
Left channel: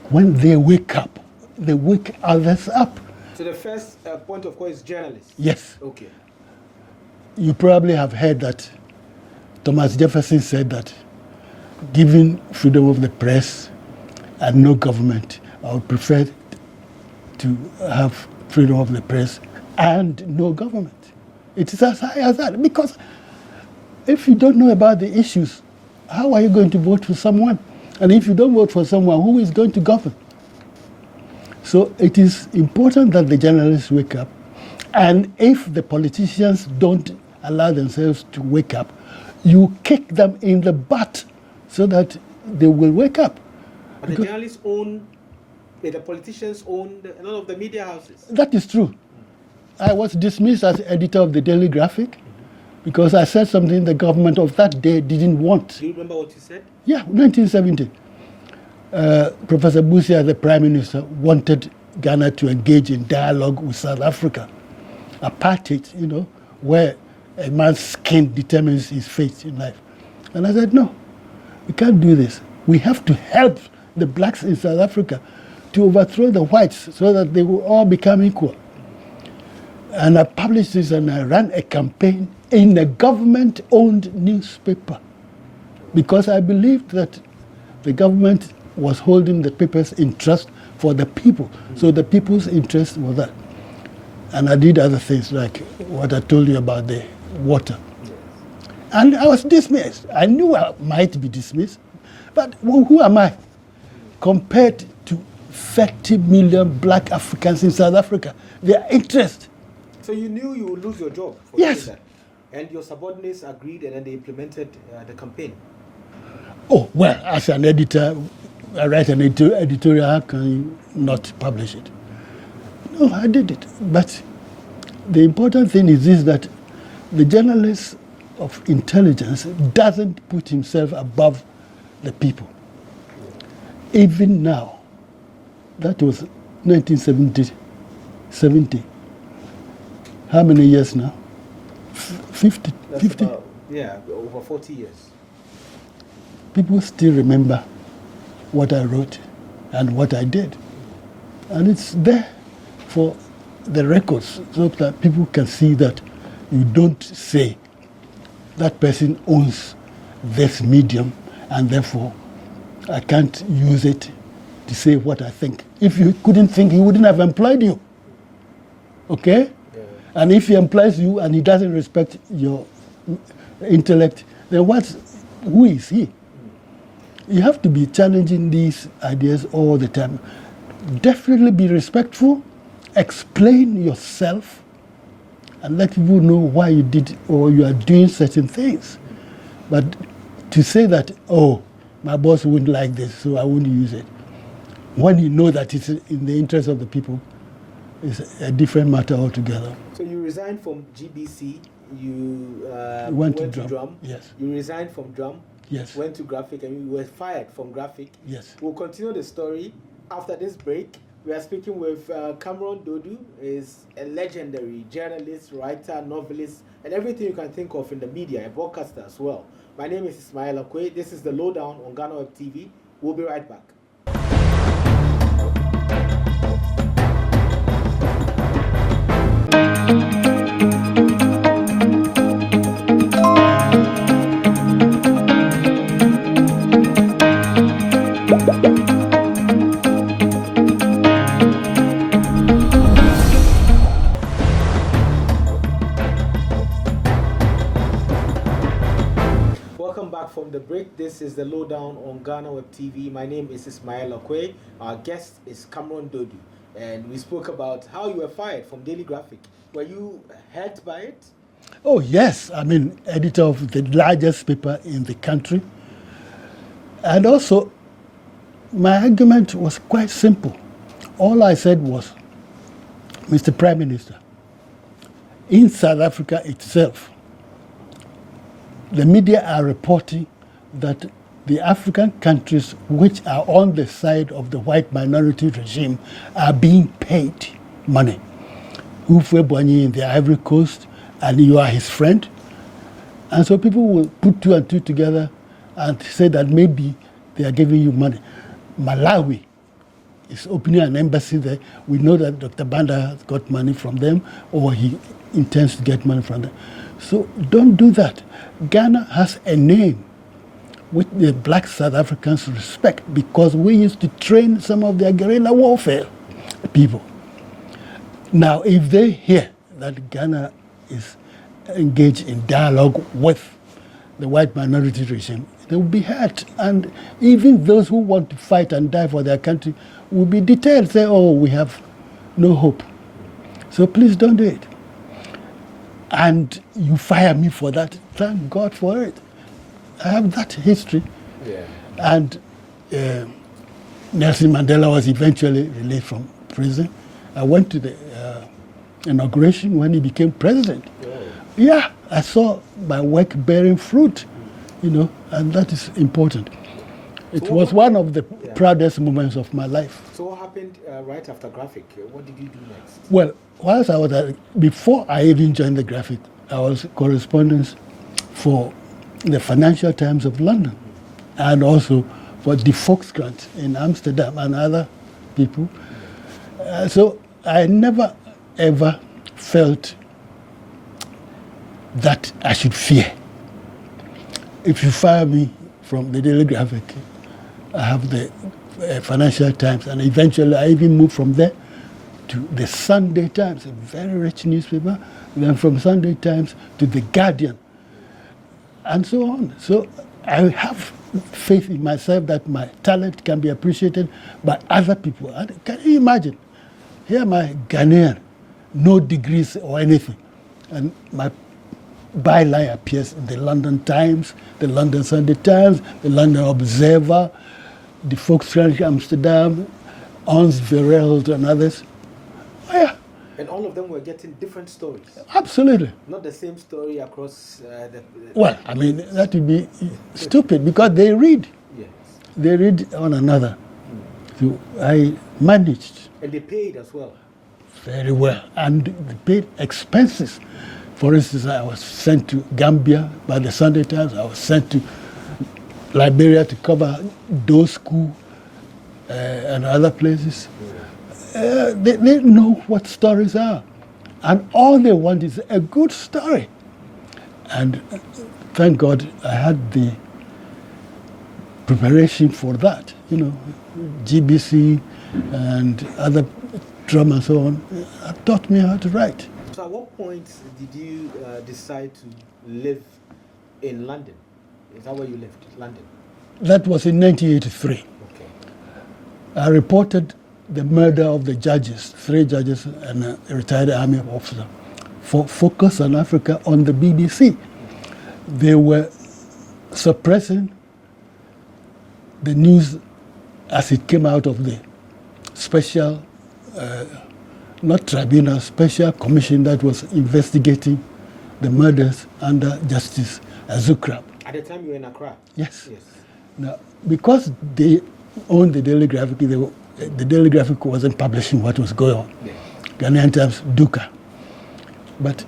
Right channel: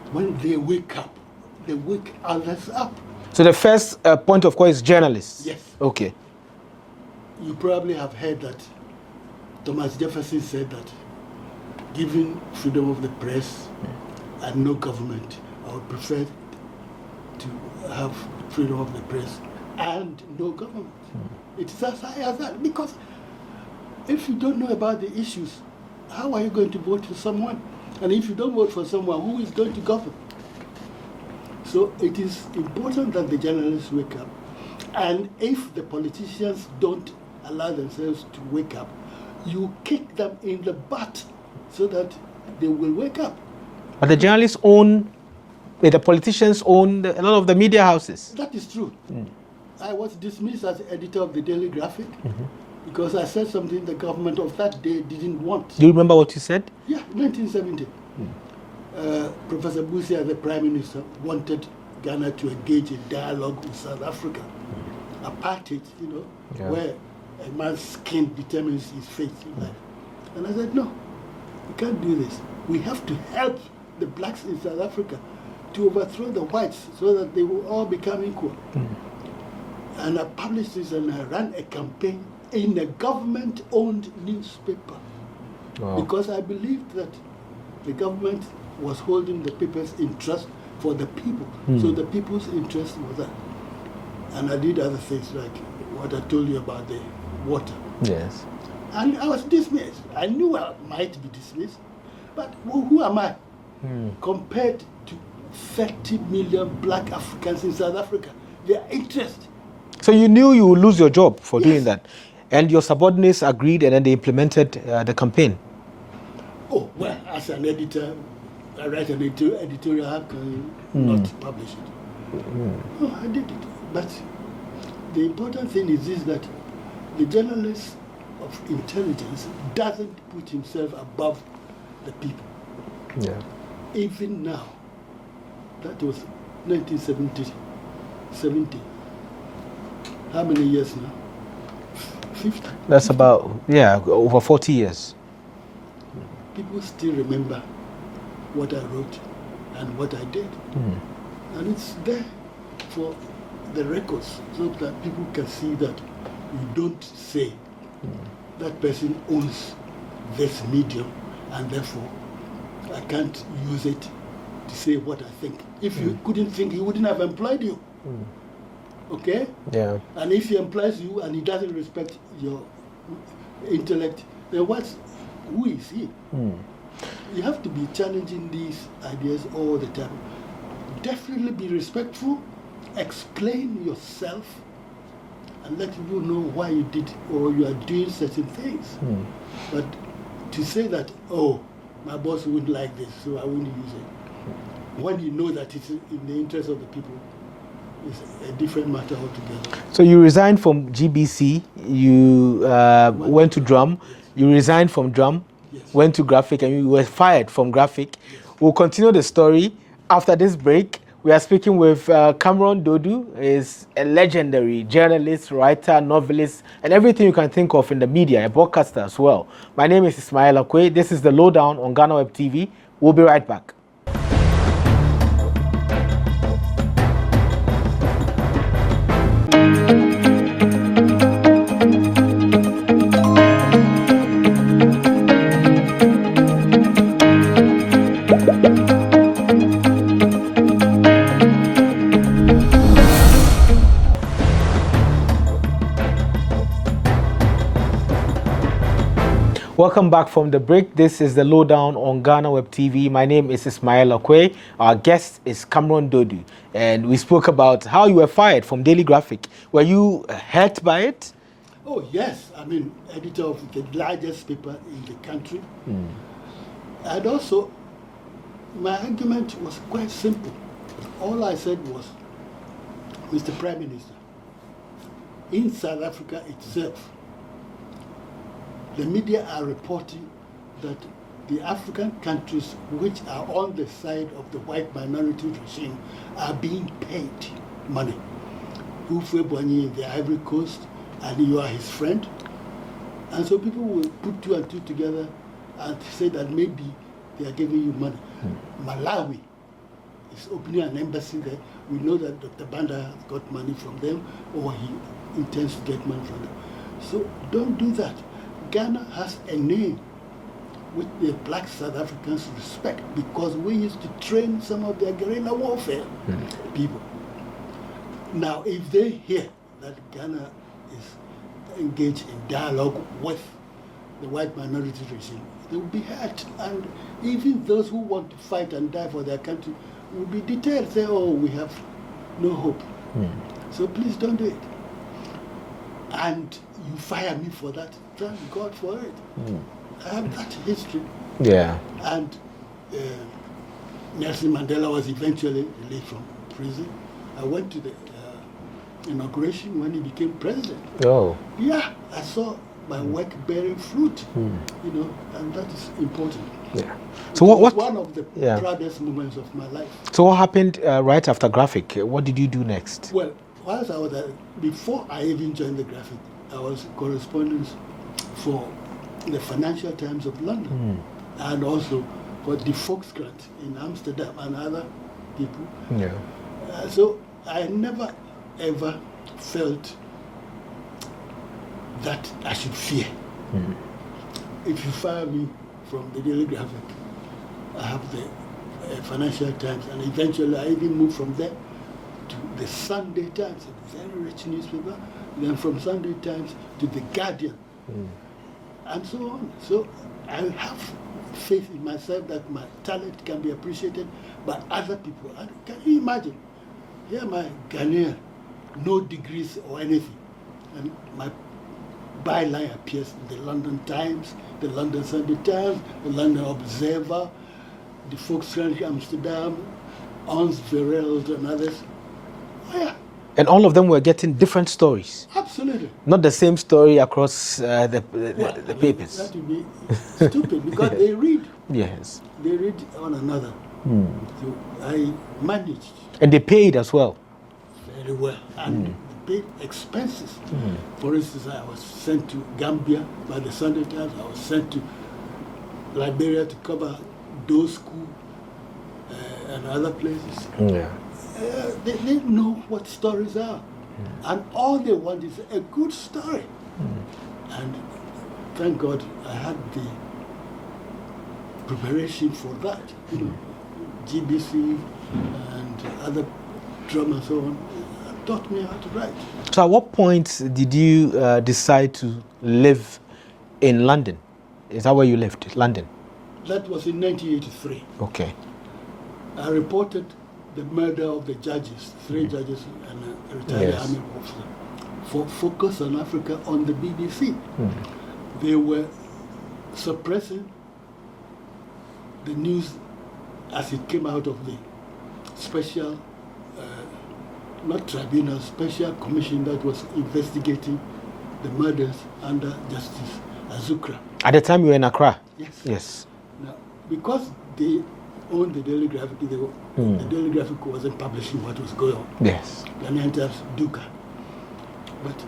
when they wake up, they wake others up. So the first point of call is journalists? Yes. Okay. You probably have heard that Thomas Jefferson said that, given freedom of the press and no government, I would prefer to have freedom of the press and no government. It is as high as that. Because if you don't know about the issues, how are you going to vote for someone? And if you don't vote for someone, who is going to govern? So it is important that the journalists wake up. And if the politicians don't allow themselves to wake up, you kick them in the butt so that they will wake up. But the journalists own, the politicians own a lot of the media houses. That is true. I was dismissed as editor of the Daily Graphic because I said something the government of that day didn't want. Do you remember what you said? Yeah, 1970. Professor Busia, the Prime Minister, wanted Ghana to engage in dialogue with South Africa. Apartheid, where a man's skin determines his fate in life. And I said, no, we can't do this. We have to help the blacks in South Africa to overthrow the whites so that they will all become equal. And I published this, and I ran a campaign in a government-owned newspaper. Wow. Because I believed that the government was holding the papers in trust for the people. So the people's interest was that. And I did other things like what I told you about the water. Yes. And I was dismissed. I knew I might be dismissed, but who am I compared to 30 million black Africans in South Africa? Their interest. So you knew you would lose your job for Yes. doing that, and your subordinates agreed, and then they implemented the campaign. Oh, well, as an editor, I write an editorial, how can you not publish it? No, I did it. But the important thing is this, that the journalist of intelligence doesn't put himself above the people. Yeah. Even now, that was 1970. How many years now? 50. That's 50. about, over 40 years. People still remember what I wrote and what I did. And it's there for the records so that people can see that you don't say that person owns this medium and therefore I can't use it to say what I think. If you couldn't think, he wouldn't have employed you. Okay? Yeah. And if he employs you and he doesn't respect your intellect, then who is he? You have to be challenging these ideas all the time. Definitely be respectful, explain yourself, and let people know why you did or you are doing certain things. But to say that, oh, my boss wouldn't like this, so I wouldn't use it, when you know that it's in the interest of the people, it's a different matter altogether. So you resigned from GBC, you went to Drum, yes. You resigned from Drum, Yes. went to Graphic, and you were fired from Graphic. Yes. We'll continue the story after this break. We are speaking with Cameron Duodu. Is a legendary journalist, writer, novelist, and everything you can think of in the media, a broadcaster as well. My name is Ismail Akwei. This is the Lowdown on Ghanaweb TV. We'll be right back. Welcome back from the break. This is the Lowdown on Ghanaweb TV. My name is Ismail Akwei. Our guest is Cameron Duodu. And we spoke about how you were fired from Daily Graphic. Were you hurt by it? Oh, yes. I mean, editor of the largest paper in the country. And also, my argument was quite simple. All I said was, Mr. Prime Minister, in South Africa itself, the media are reporting that the African countries which are on the side of the white minority regime are being paid money. Ufwe Boigny in the Ivory Coast, and you are his friend. And so people will put two and two together and say that maybe they are giving you money. Malawi is opening an embassy there. We know that Dr. Banda has got money from them, or he intends to get money from them. So don't do that. Ghana has a name which the black South Africans respect because we used to train some of their guerrilla warfare people. Now, if they hear that Ghana is engaged in dialogue with the white minority regime, they will be hurt. And even those who want to fight and die for their country will be detailed, say, oh, we have no hope. So please don't do it. And you fire me for that. Thank God for it. I have that history. Yeah. And Nelson Mandela was eventually released from prison. I went to the inauguration when he became president. Oh. Yeah, I saw my work bearing fruit, you know, and that is important. Yeah. It So was what one of the proudest moments of my life. So what happened right after Graphic? What did you do next? Well, whilst I was before I even joined the Graphic, I was correspondent for the Financial Times of London and also for the Volkskrant in Amsterdam and other people. Yeah. So I never ever felt that I should fear. If you fire me from the Daily Graphic, I have the Financial Times, and eventually I even moved from there to the Sunday Times, a very rich newspaper, then from Sunday Times to the Guardian, and so on. So I have faith in myself that my talent can be appreciated by other people. And can you imagine? Here my Ghanaian, no degrees or anything, and my byline appears in the London Times, the London Sunday Times, the London Observer, the Volkskrant Amsterdam, Ons Vereld and others. Oh, yeah. And all of them were getting different stories. Absolutely. Not the same story across the Well, the I mean, papers. that would be stupid because they read. Yes. They read one another. So I managed And they paid as well. very well. And they paid expenses. For instance, I was sent to Gambia by the Sunday Times. I was sent to Liberia to cover those schools and other places. Yeah. they know what stories are. And all they want is a good story. And thank God I had the preparation for that. You know, GBC and other drama and so on taught me how to write. So at what point did you decide to live in London? Is that where you lived, London? That was in 1983. Okay. I reported the murder of the judges, 3 judges and a retired army officer, for Focus on Africa on the BBC. They were suppressing the news as it came out of the special, not tribunal, special commission that was investigating the murders under Justice Azukra. At the time you were in Accra? Yes. Yes. Now, because they owned the Daily Graphic, the Daily Graphic wasn't publishing what was going on. Yes. Ghanaian Times, Duka. But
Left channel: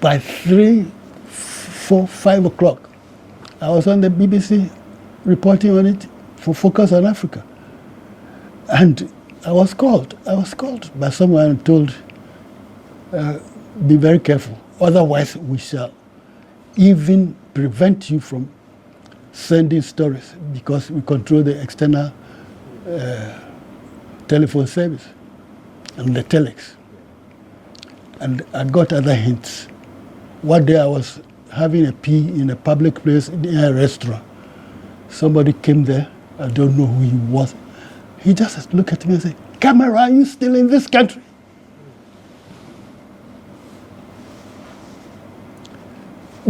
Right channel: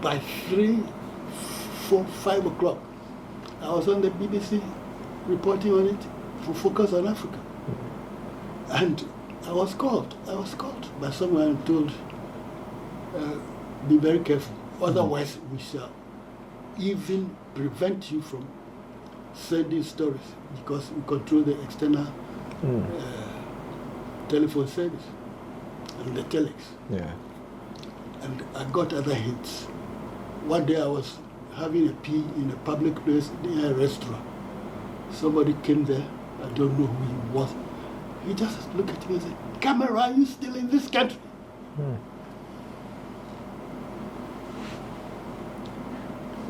by 3, 4, 5 o'clock, I was on the BBC reporting on it for Focus on Africa. And I was called by someone and told, be very careful, otherwise we shall even prevent you from sending stories because we control the external telephone service and the telex. Yeah. And I got other hints. One day I was having a pee in a public place in a restaurant. Somebody came there, I don't know who he was. He just looked at me and said, "Camera, are you still in this country?"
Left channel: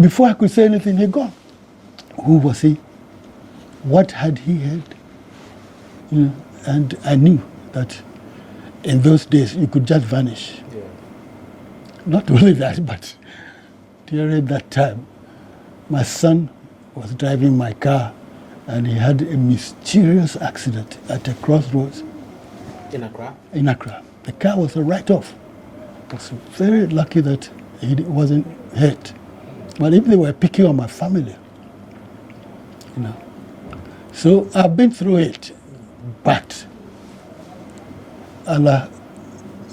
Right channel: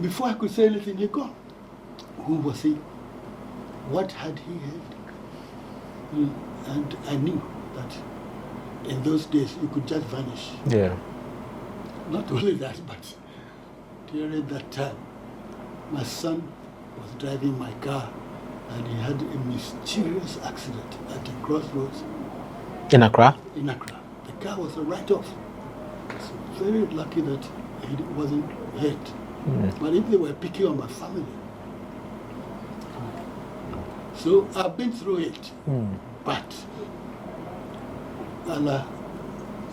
Before I could say anything, he gone. Who was he? What had he heard? You know, and I knew that in those days you could just vanish. Yeah. Not only that, but during that time, my son was driving my car and he had a mysterious accident at a crossroads. In Accra? In Accra. The car was a write-off. It's very lucky that he wasn't hurt. But if they were picking on my family, you know. So I've been through it, but Allah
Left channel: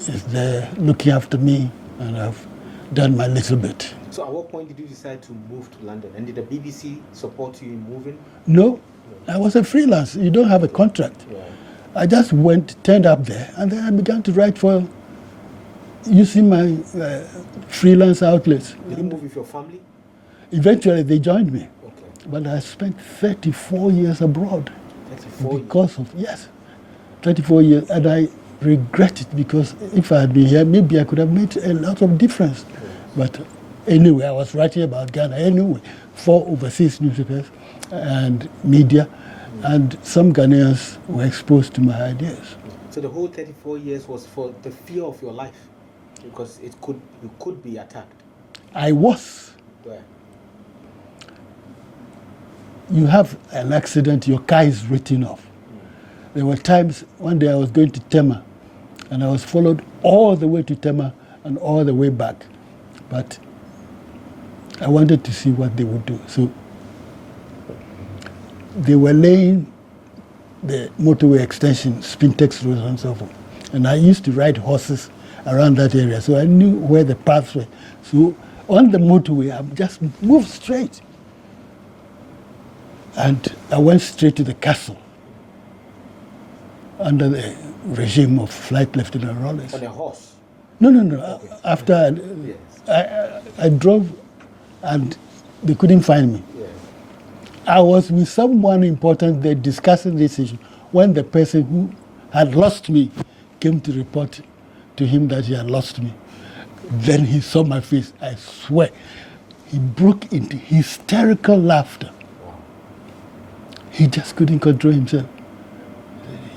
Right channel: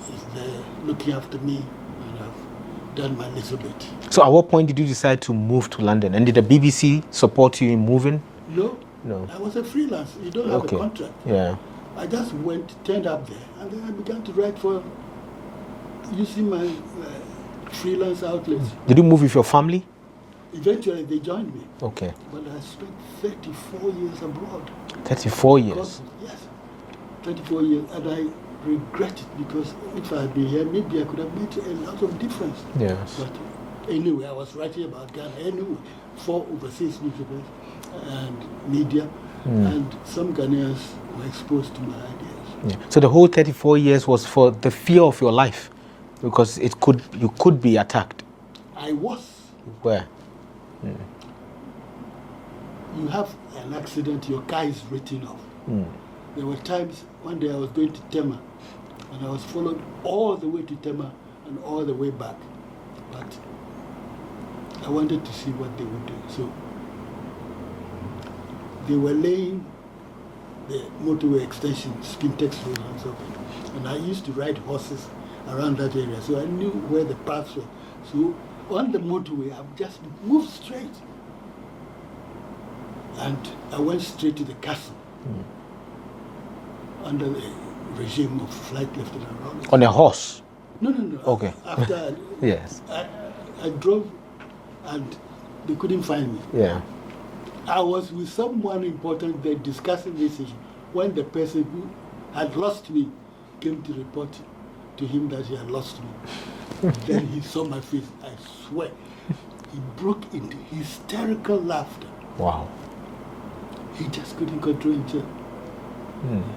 is there looking after me, and I've done my little bit. So at what point did you decide to move to London? And did the BBC support you in moving? No. No. I was a freelance. You don't have a contract. Yeah. I just turned up there, and then I began to write for using my freelance outlets. Did you move with your family? Eventually, they joined me. Okay. But I spent 34 years abroad. 34 years? Yes, 34 years. And I regret it because if I had been here, maybe I could have made a lot of difference. Yes. But anyway, I was writing about Ghana anyway, 4 overseas newspapers and media. And some Ghanaians were exposed to my ideas. Yeah. So the whole 34 years was for the fear of your life, because you could be attacked. I was. Where? You have an accident, your car is written off. There were times, one day I was going to Tema, and I was followed all the way to Tema and all the way back. But I wanted to see what they would do. So they were laying the motorway extension, Spintex roads and so forth. And I used to ride horses around that area, so I knew where the paths were. So on the motorway, I just moved straight. And I went straight to the castle under the regime of Flight Lieutenant Rawlings. On a horse? No. Okay. After yes. I drove and they couldn't find me. Yeah. I was with someone important there discussing this issue when the person who had lost me came to report to him that he had lost me. Then he saw my face, I swear. He broke into hysterical laughter. Wow. He just couldn't control himself.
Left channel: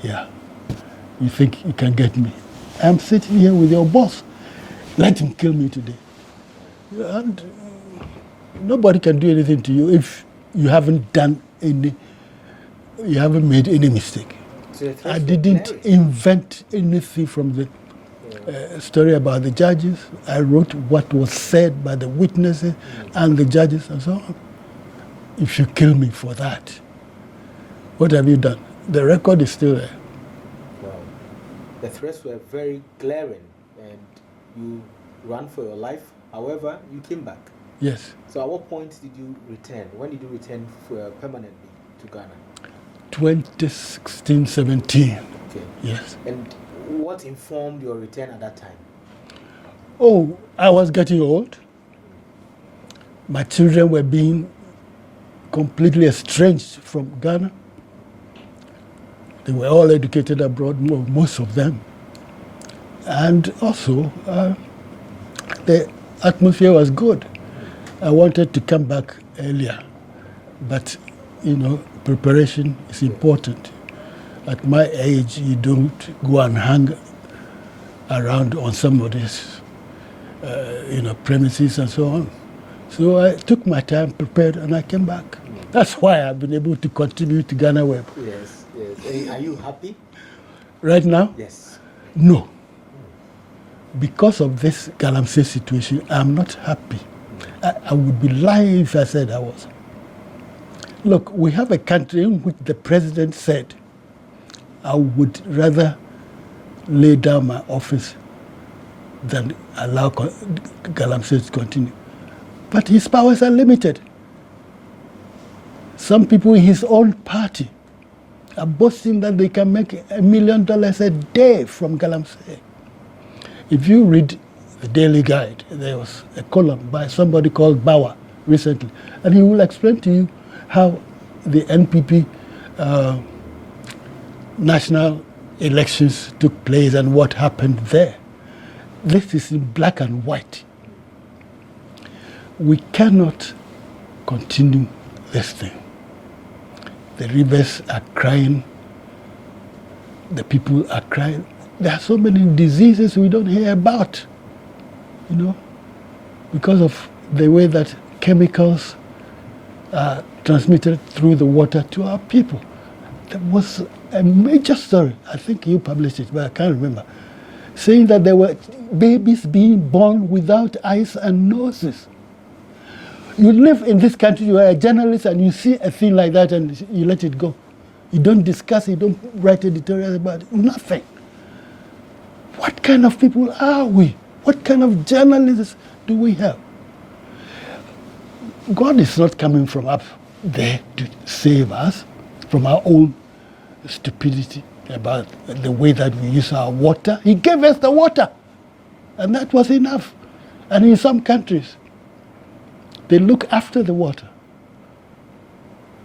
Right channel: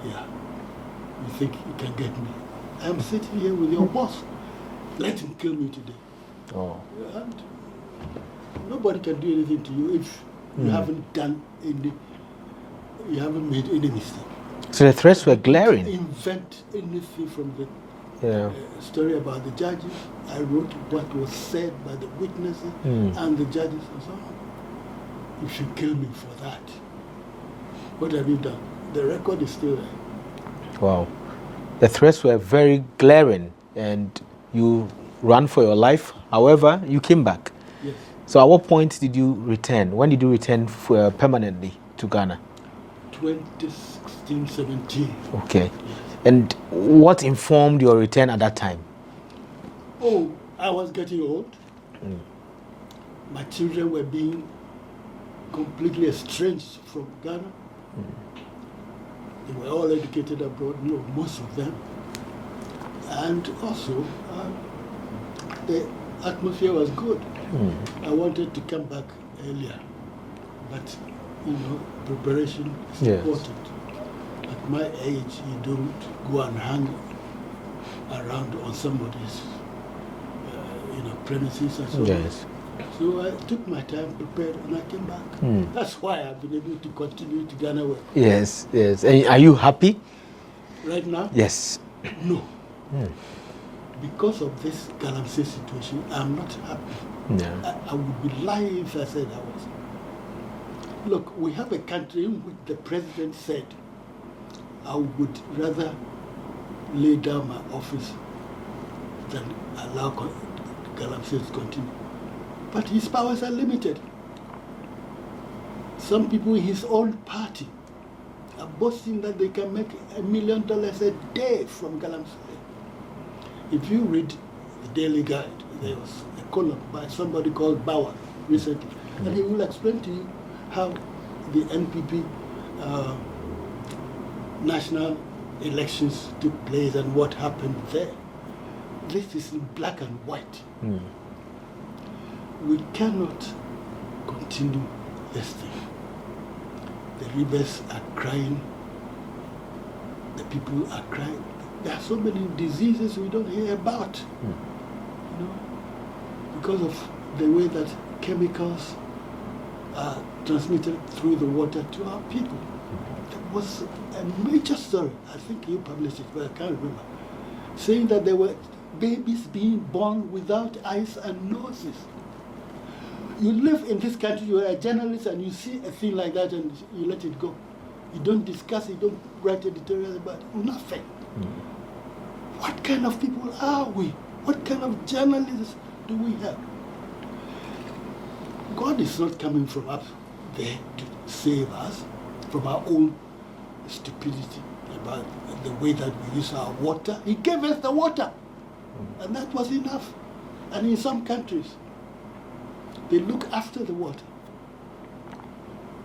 Yeah. You think you can get me? I'm sitting here with your boss. Let him kill me today. Oh. And nobody can do anything to you if you haven't made any mistake. So the threats were glaring. I didn't invent anything from the story about the judges. I wrote what was said by the witnesses and the judges and so on. If you kill me for that, what have you done? The record is still there. Wow. The threats were very glaring, and you ran for your life. However, you came back. Yes. So at what point did you return? When did you return permanently to Ghana? 2016-17. Okay. Yes. And what informed your return at that time? Oh, I was getting old. My children were being completely estranged from Ghana. They were all educated abroad, most of them. And also, the atmosphere was good. I wanted to come back earlier, but, preparation is important. At my age, you don't go and hang around on somebody's, premises and so on. So I took my time, prepared, and I came back. That's why I've been able to continue to Ghanaweb. Yes, yes. And are you happy? Right now? Yes. No. Because of this Galamasey situation, I'm not happy. I would be lying if I said I was. Look, we have a country in which the president said, I would rather lay down my office than allow Galamasey to continue. But his powers are limited. Some people in his own party are boasting that they can make $1 million a day from Galamasey. If you read the Daily Guide, there was a column by somebody called Bauer recently, and he will explain to you how the NPP national elections took place and what happened there. This is in black and white. We cannot continue this thing. The rivers are crying, the people are crying. There are so many diseases we don't hear about, because of the way that chemicals are transmitted through the water to our people. There was a major story, I think you published it, but I can't remember, saying that there were babies being born without eyes and noses. You live in this country, you are a journalist, and you see a thing like that and you let it go. You don't discuss, you don't write editorials about it, nothing. What kind of people are we? What kind of journalists do we have? God is not coming from up there to save us from our own stupidity about the way that we use our water. He gave us the water, and that was enough. And in some countries, they look after the water.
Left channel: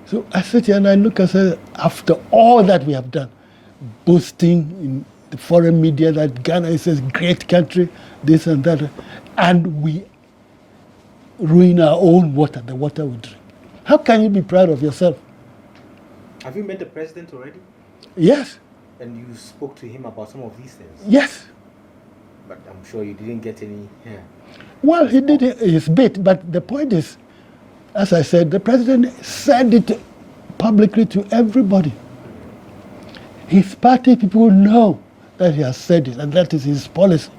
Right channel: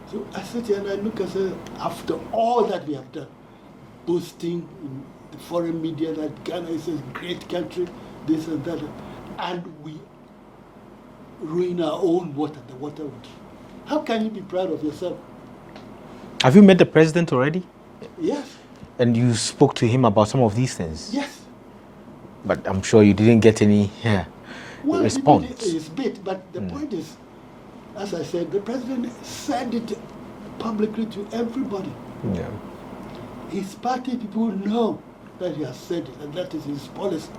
So I sit here and I look and say, after all that we have done, boasting in the foreign media that Ghana is a great country, this and that, and we ruin our own water, the water we drink. How can you be proud of yourself? Have you met the president already? Yes. And you spoke to him about some of these things? Yes. But I'm sure you didn't get any Well, response. he did his bit, but the point is, as I said, the president said it publicly to everybody. Yeah. His party people know that he has said it, and that is his policy.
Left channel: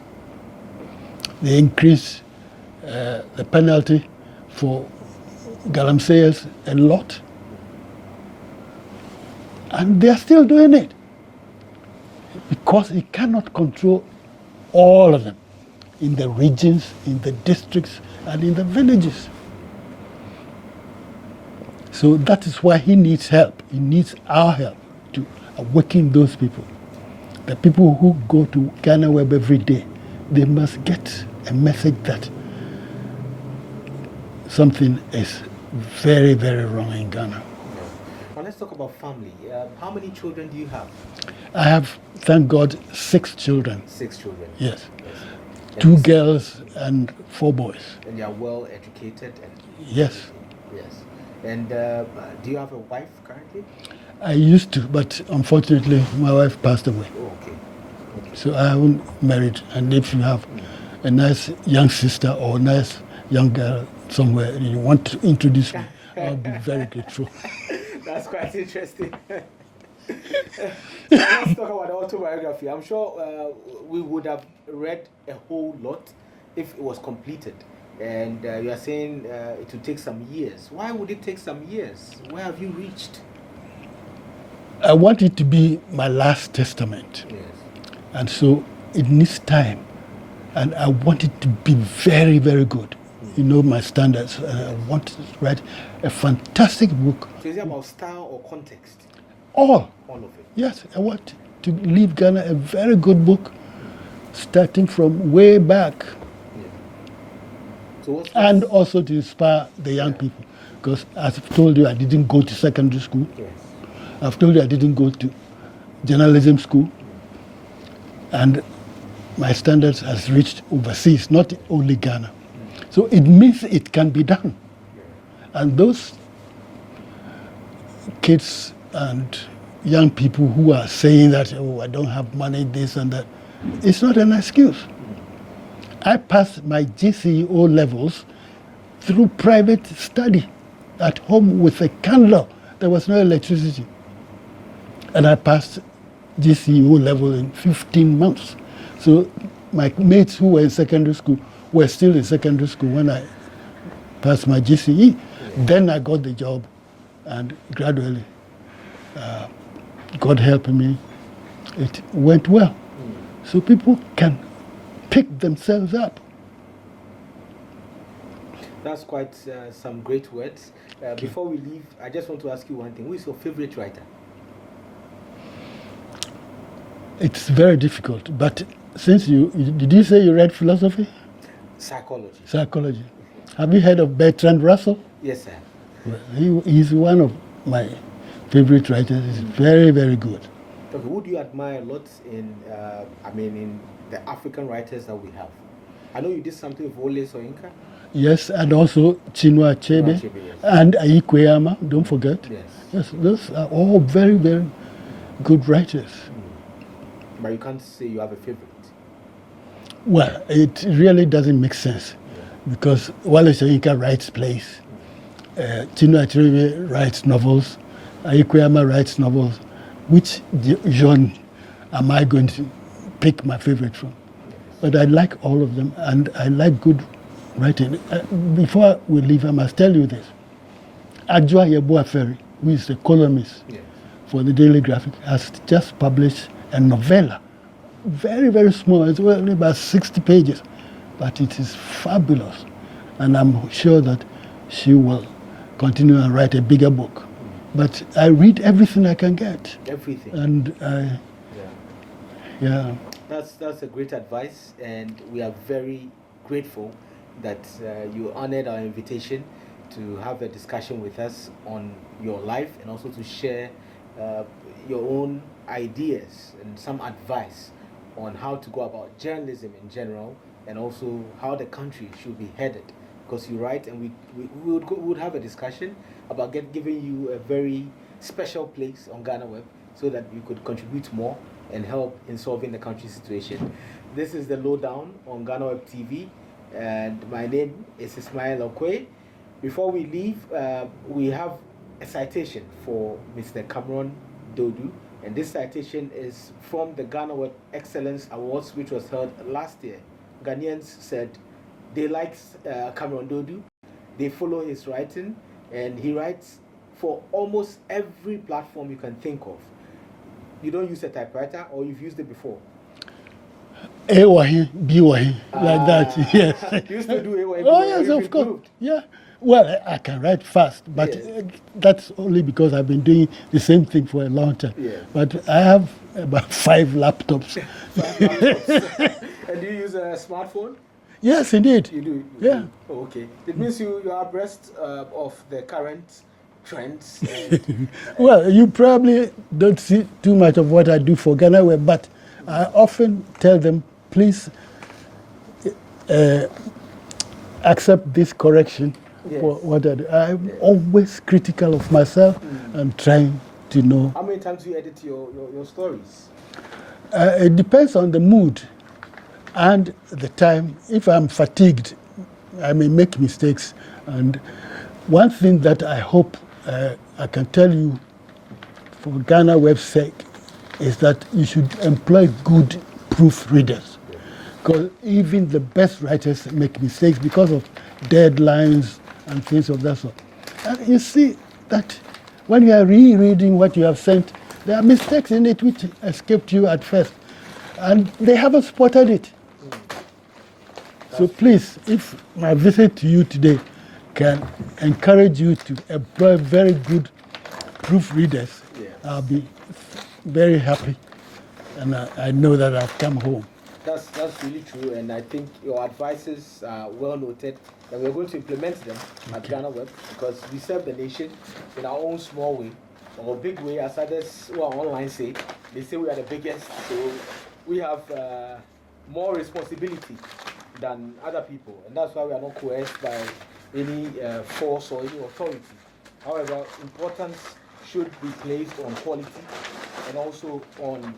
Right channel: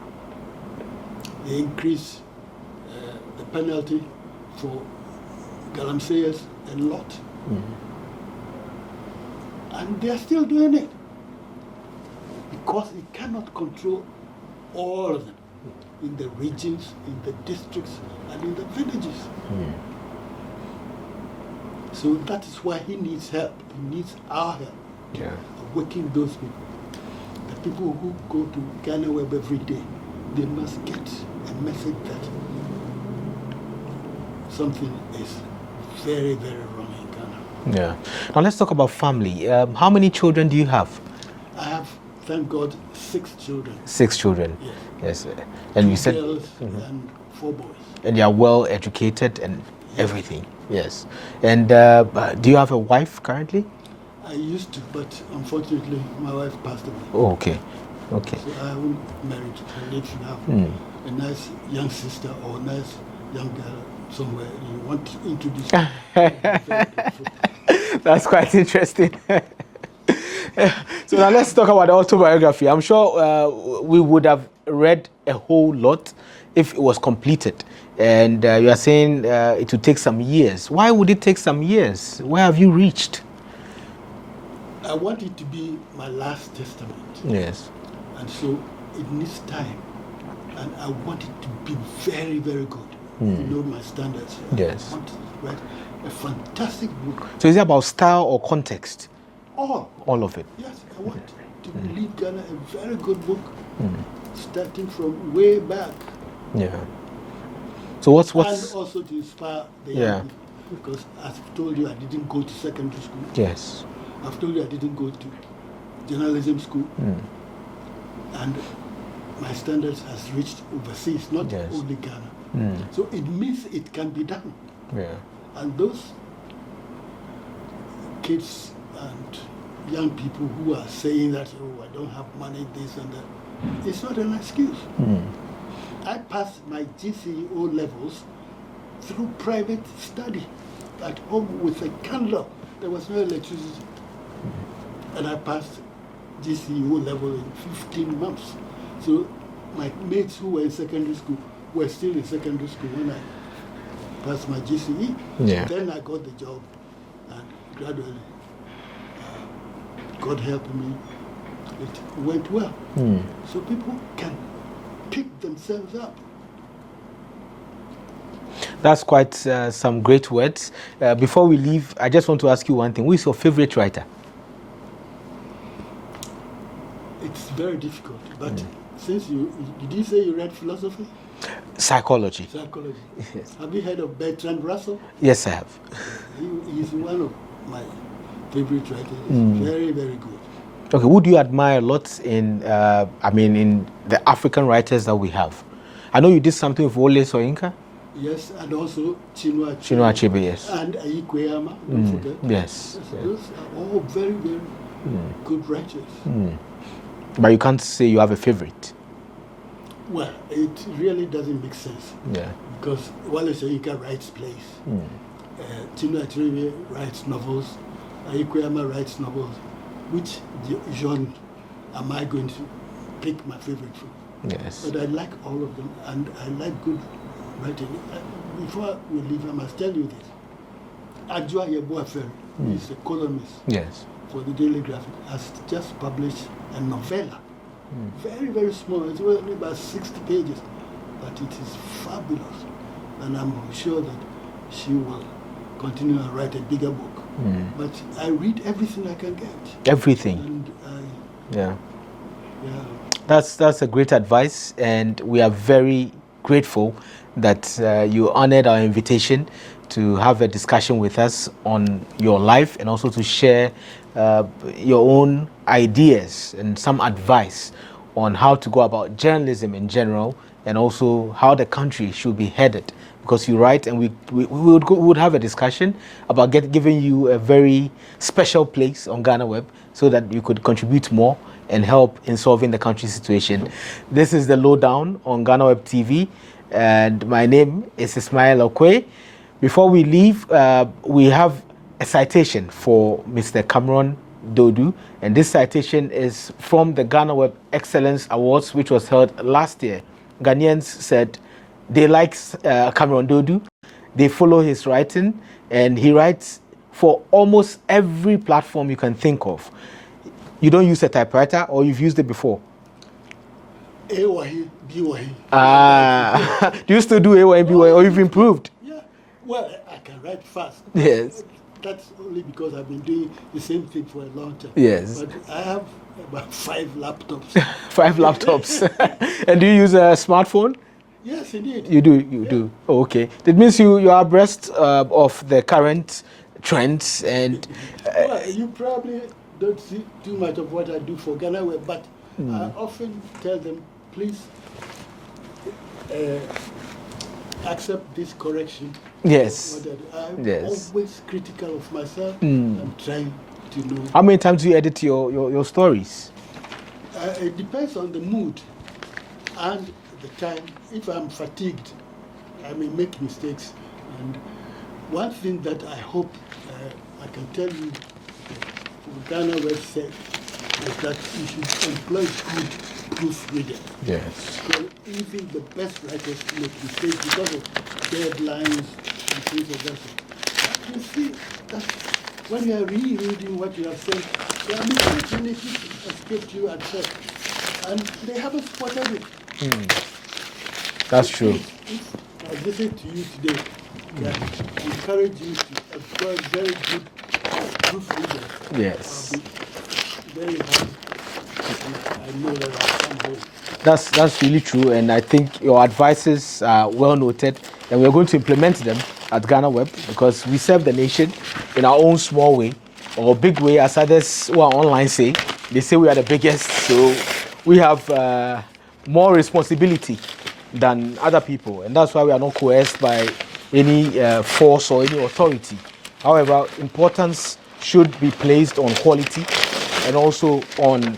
They increased the penalty for Galamseyers a lot. And they are still doing it because he cannot control all of them in the regions, in the districts, and in the villages. So that is why he needs help. He needs our help to awaken those people. The people who go to Ghanaweb every day, they must get a message that something is very, very wrong in Ghana. Yeah. Now let's talk about family. How many children do you have? I have, thank God, 6 children. 6 children. Yes. Yes. 2 girls and 4 boys. And they are well educated and Yes. everything. Yes. And do you have a wife currently? I used to, but unfortunately, my wife passed away. Oh, okay. Okay. So I haven't married. And if you have a nice young sister or a nice young girl somewhere you want to introduce me, I'll be very grateful. That's quite interesting. So now let's talk about the autobiography. I'm sure we would have read a whole lot if it was completed. And you are saying it would take some years. Why would it take some years? Where have you reached? I want it to be my last testament. Yes. And so it needs time. And I want it to be very, very good. You know my standards. Yes. I want to write a fantastic book. So is it about style or context? All of it. Yes, I want to leave Ghana a very good book, starting from way back. Yeah. So what's And also to inspire the young people. Because as I've told you, I didn't go to secondary school. Yes. I've told you I didn't go to journalism school. And my standards has reached overseas, not only Ghana. So it means it can be done. Yeah. And those kids and young people who are saying that, oh, I don't have money, this and that, it's not an excuse. I passed my GCE levels through private study at home with a candle. There was no electricity. And I passed GCE level in 15 months. So my mates who were in secondary school were still in secondary school when I passed my GCE. Yeah. Then I got the job, and gradually, God helping me, it went well. So people can pick themselves up. That's quite some great words. Before we leave, I just want to ask you one thing. Who is your favorite writer? It's very difficult, but since did you say you read philosophy? Psychology. Psychology. Yes. Have you heard of Bertrand Russell? Yes, I have. He's one of my favorite writers. He's very, very good. Okay, who do you admire a lot in, in the African writers that we have? I know you did something with Wole Soyinka. Yes, and also Chinua Achebe. Yes. And Ayikweyama, don't forget. Yes. Those are all very, very good writers. But you can't say you have a favorite. Well, it really doesn't make sense. Yeah. Because Wole Soyinka writes plays. Chinua Achebe writes novels. Ayikweyama writes novels. Which genre am I going to pick my favorite from? Yes. But I like all of them, and I like good writing. Before we leave, I must tell you this. Ajua Yeboah-Ferry, who is a columnist for the Daily Graphic, has just published a novella. Very, very small. It's only about 60 pages. But it is fabulous. And I'm sure that she will continue and write a bigger book. But I read everything I can get. Everything. And yeah. That's a great advice, and we are very grateful that you honored our invitation to have a discussion with us on your life and also to share your own ideas and some advice on how to go about journalism in general and also how the country should be headed. Because you write, and we would have a discussion about giving you a very special place on Ghanaweb so that you could contribute more and help in solving the country's situation. This is the Lowdown on Ghanaweb TV, and my name is Ismail Akwei. Before we leave, we have a citation for Mr. Cameron Duodu, and this citation is from the Ghanaweb Excellence Awards, which was held last year. Ghanaians said they like Cameron Duodu, they follow his writing, and he writes for almost every platform you can think of. You don't use a typewriter, or you've used it before? A-wahi, B-wahi. You used to do A-wahi, B-wahi, or you've improved? Yeah. Well, I can write fast, but that's only because I've been doing the same thing for a long time. Yes. But I have about 5 laptops. 5 laptops. And do you use a smartphone? Yes, indeed. You do? You do? Oh, okay. That means you are abreast of the current trends and... Well, you probably don't see too much of what I do for Ghanaweb, but I often tell them, please accept this correction. Yes. For what I do. I'm always critical of myself and trying to know. How many times do you edit your stories? It depends on the mood and the time. If I'm fatigued, I may make mistakes. And one thing that I hope I can tell you for Ghanaweb's sake is that you should employ good proofreaders. Yes. Because even the best writers make mistakes because of deadlines and things of that sort. And you see that when you are rereading what you have sent, there are mistakes in it which escaped you at first. and they haven't spotted it. That's so true. Please, if my visit to you today can encourage you to employ very good proofreaders, Yes. I'll be very happy, and I know that I'll come home. That's really true, and I think your advices are well noted, and we're going to implement them at Ghanaweb because we serve the nation in our own small way or big way, as others who are online say. They say we are the biggest, so we have more responsibility than other people, and that's why we are not coerced by any force or any authority. However, importance should be placed on quality and also on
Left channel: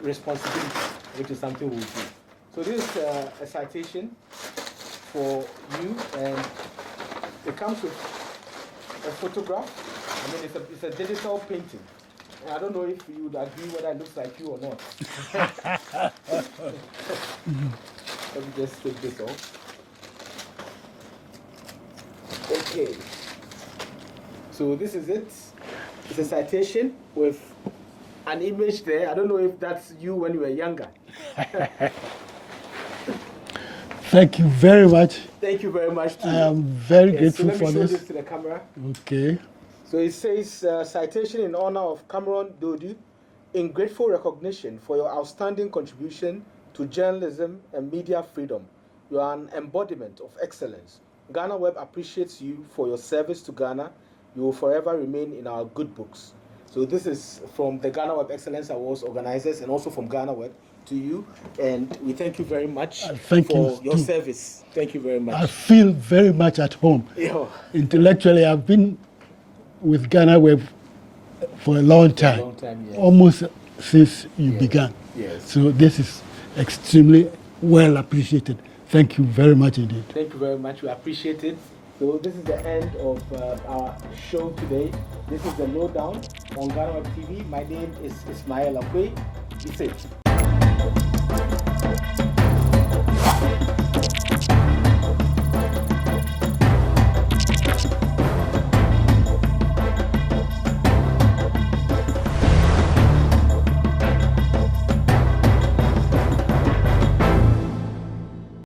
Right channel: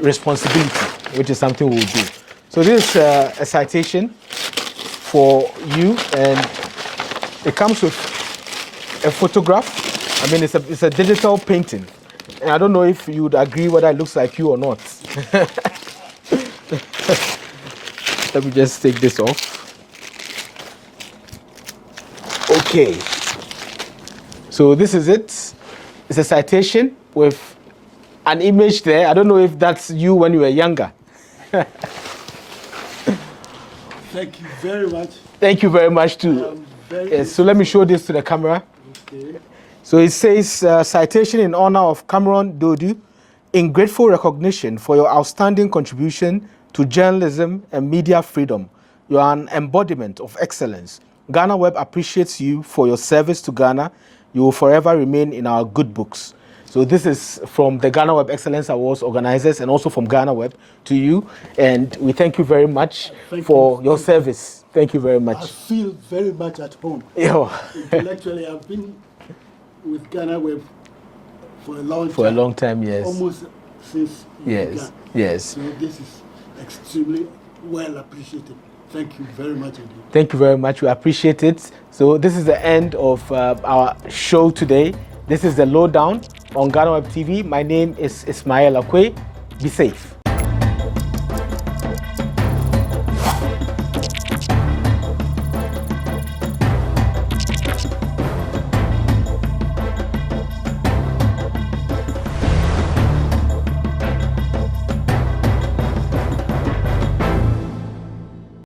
responsibility, which is something we'll do. So this is a citation for you, and it comes with a photograph. I mean, it's a digital painting. And I don't know if you would agree whether it looks like you or not. Let me just take this off. Okay. So this is it. It's a citation with an image there. I don't know if that's you when you were younger. Thank you very much. Thank you very much too. I'm very grateful. So let me for show this to the camera. Okay. So it says, citation in honor of Cameron Duodu, in grateful recognition for your outstanding contribution to journalism and media freedom. You are an embodiment of excellence. Ghanaweb appreciates you for your service to Ghana. You will forever remain in our good books. So this is from the Ghanaweb Excellence Awards organizers and also from Ghanaweb to you. And we thank you very much for your service. Thank you very much. I feel very much at home. Yeah. Intellectually, I've been with Ghanaweb for a long time. For a long time, yes. Almost since you Yes. began. Yes. So this is extremely well appreciated. Thank you very much indeed. Thank you very much. We appreciate it. So this is the end of our show today. This is the Lowdown on Ghanaweb TV. My name is Ismail Akwei. Be safe.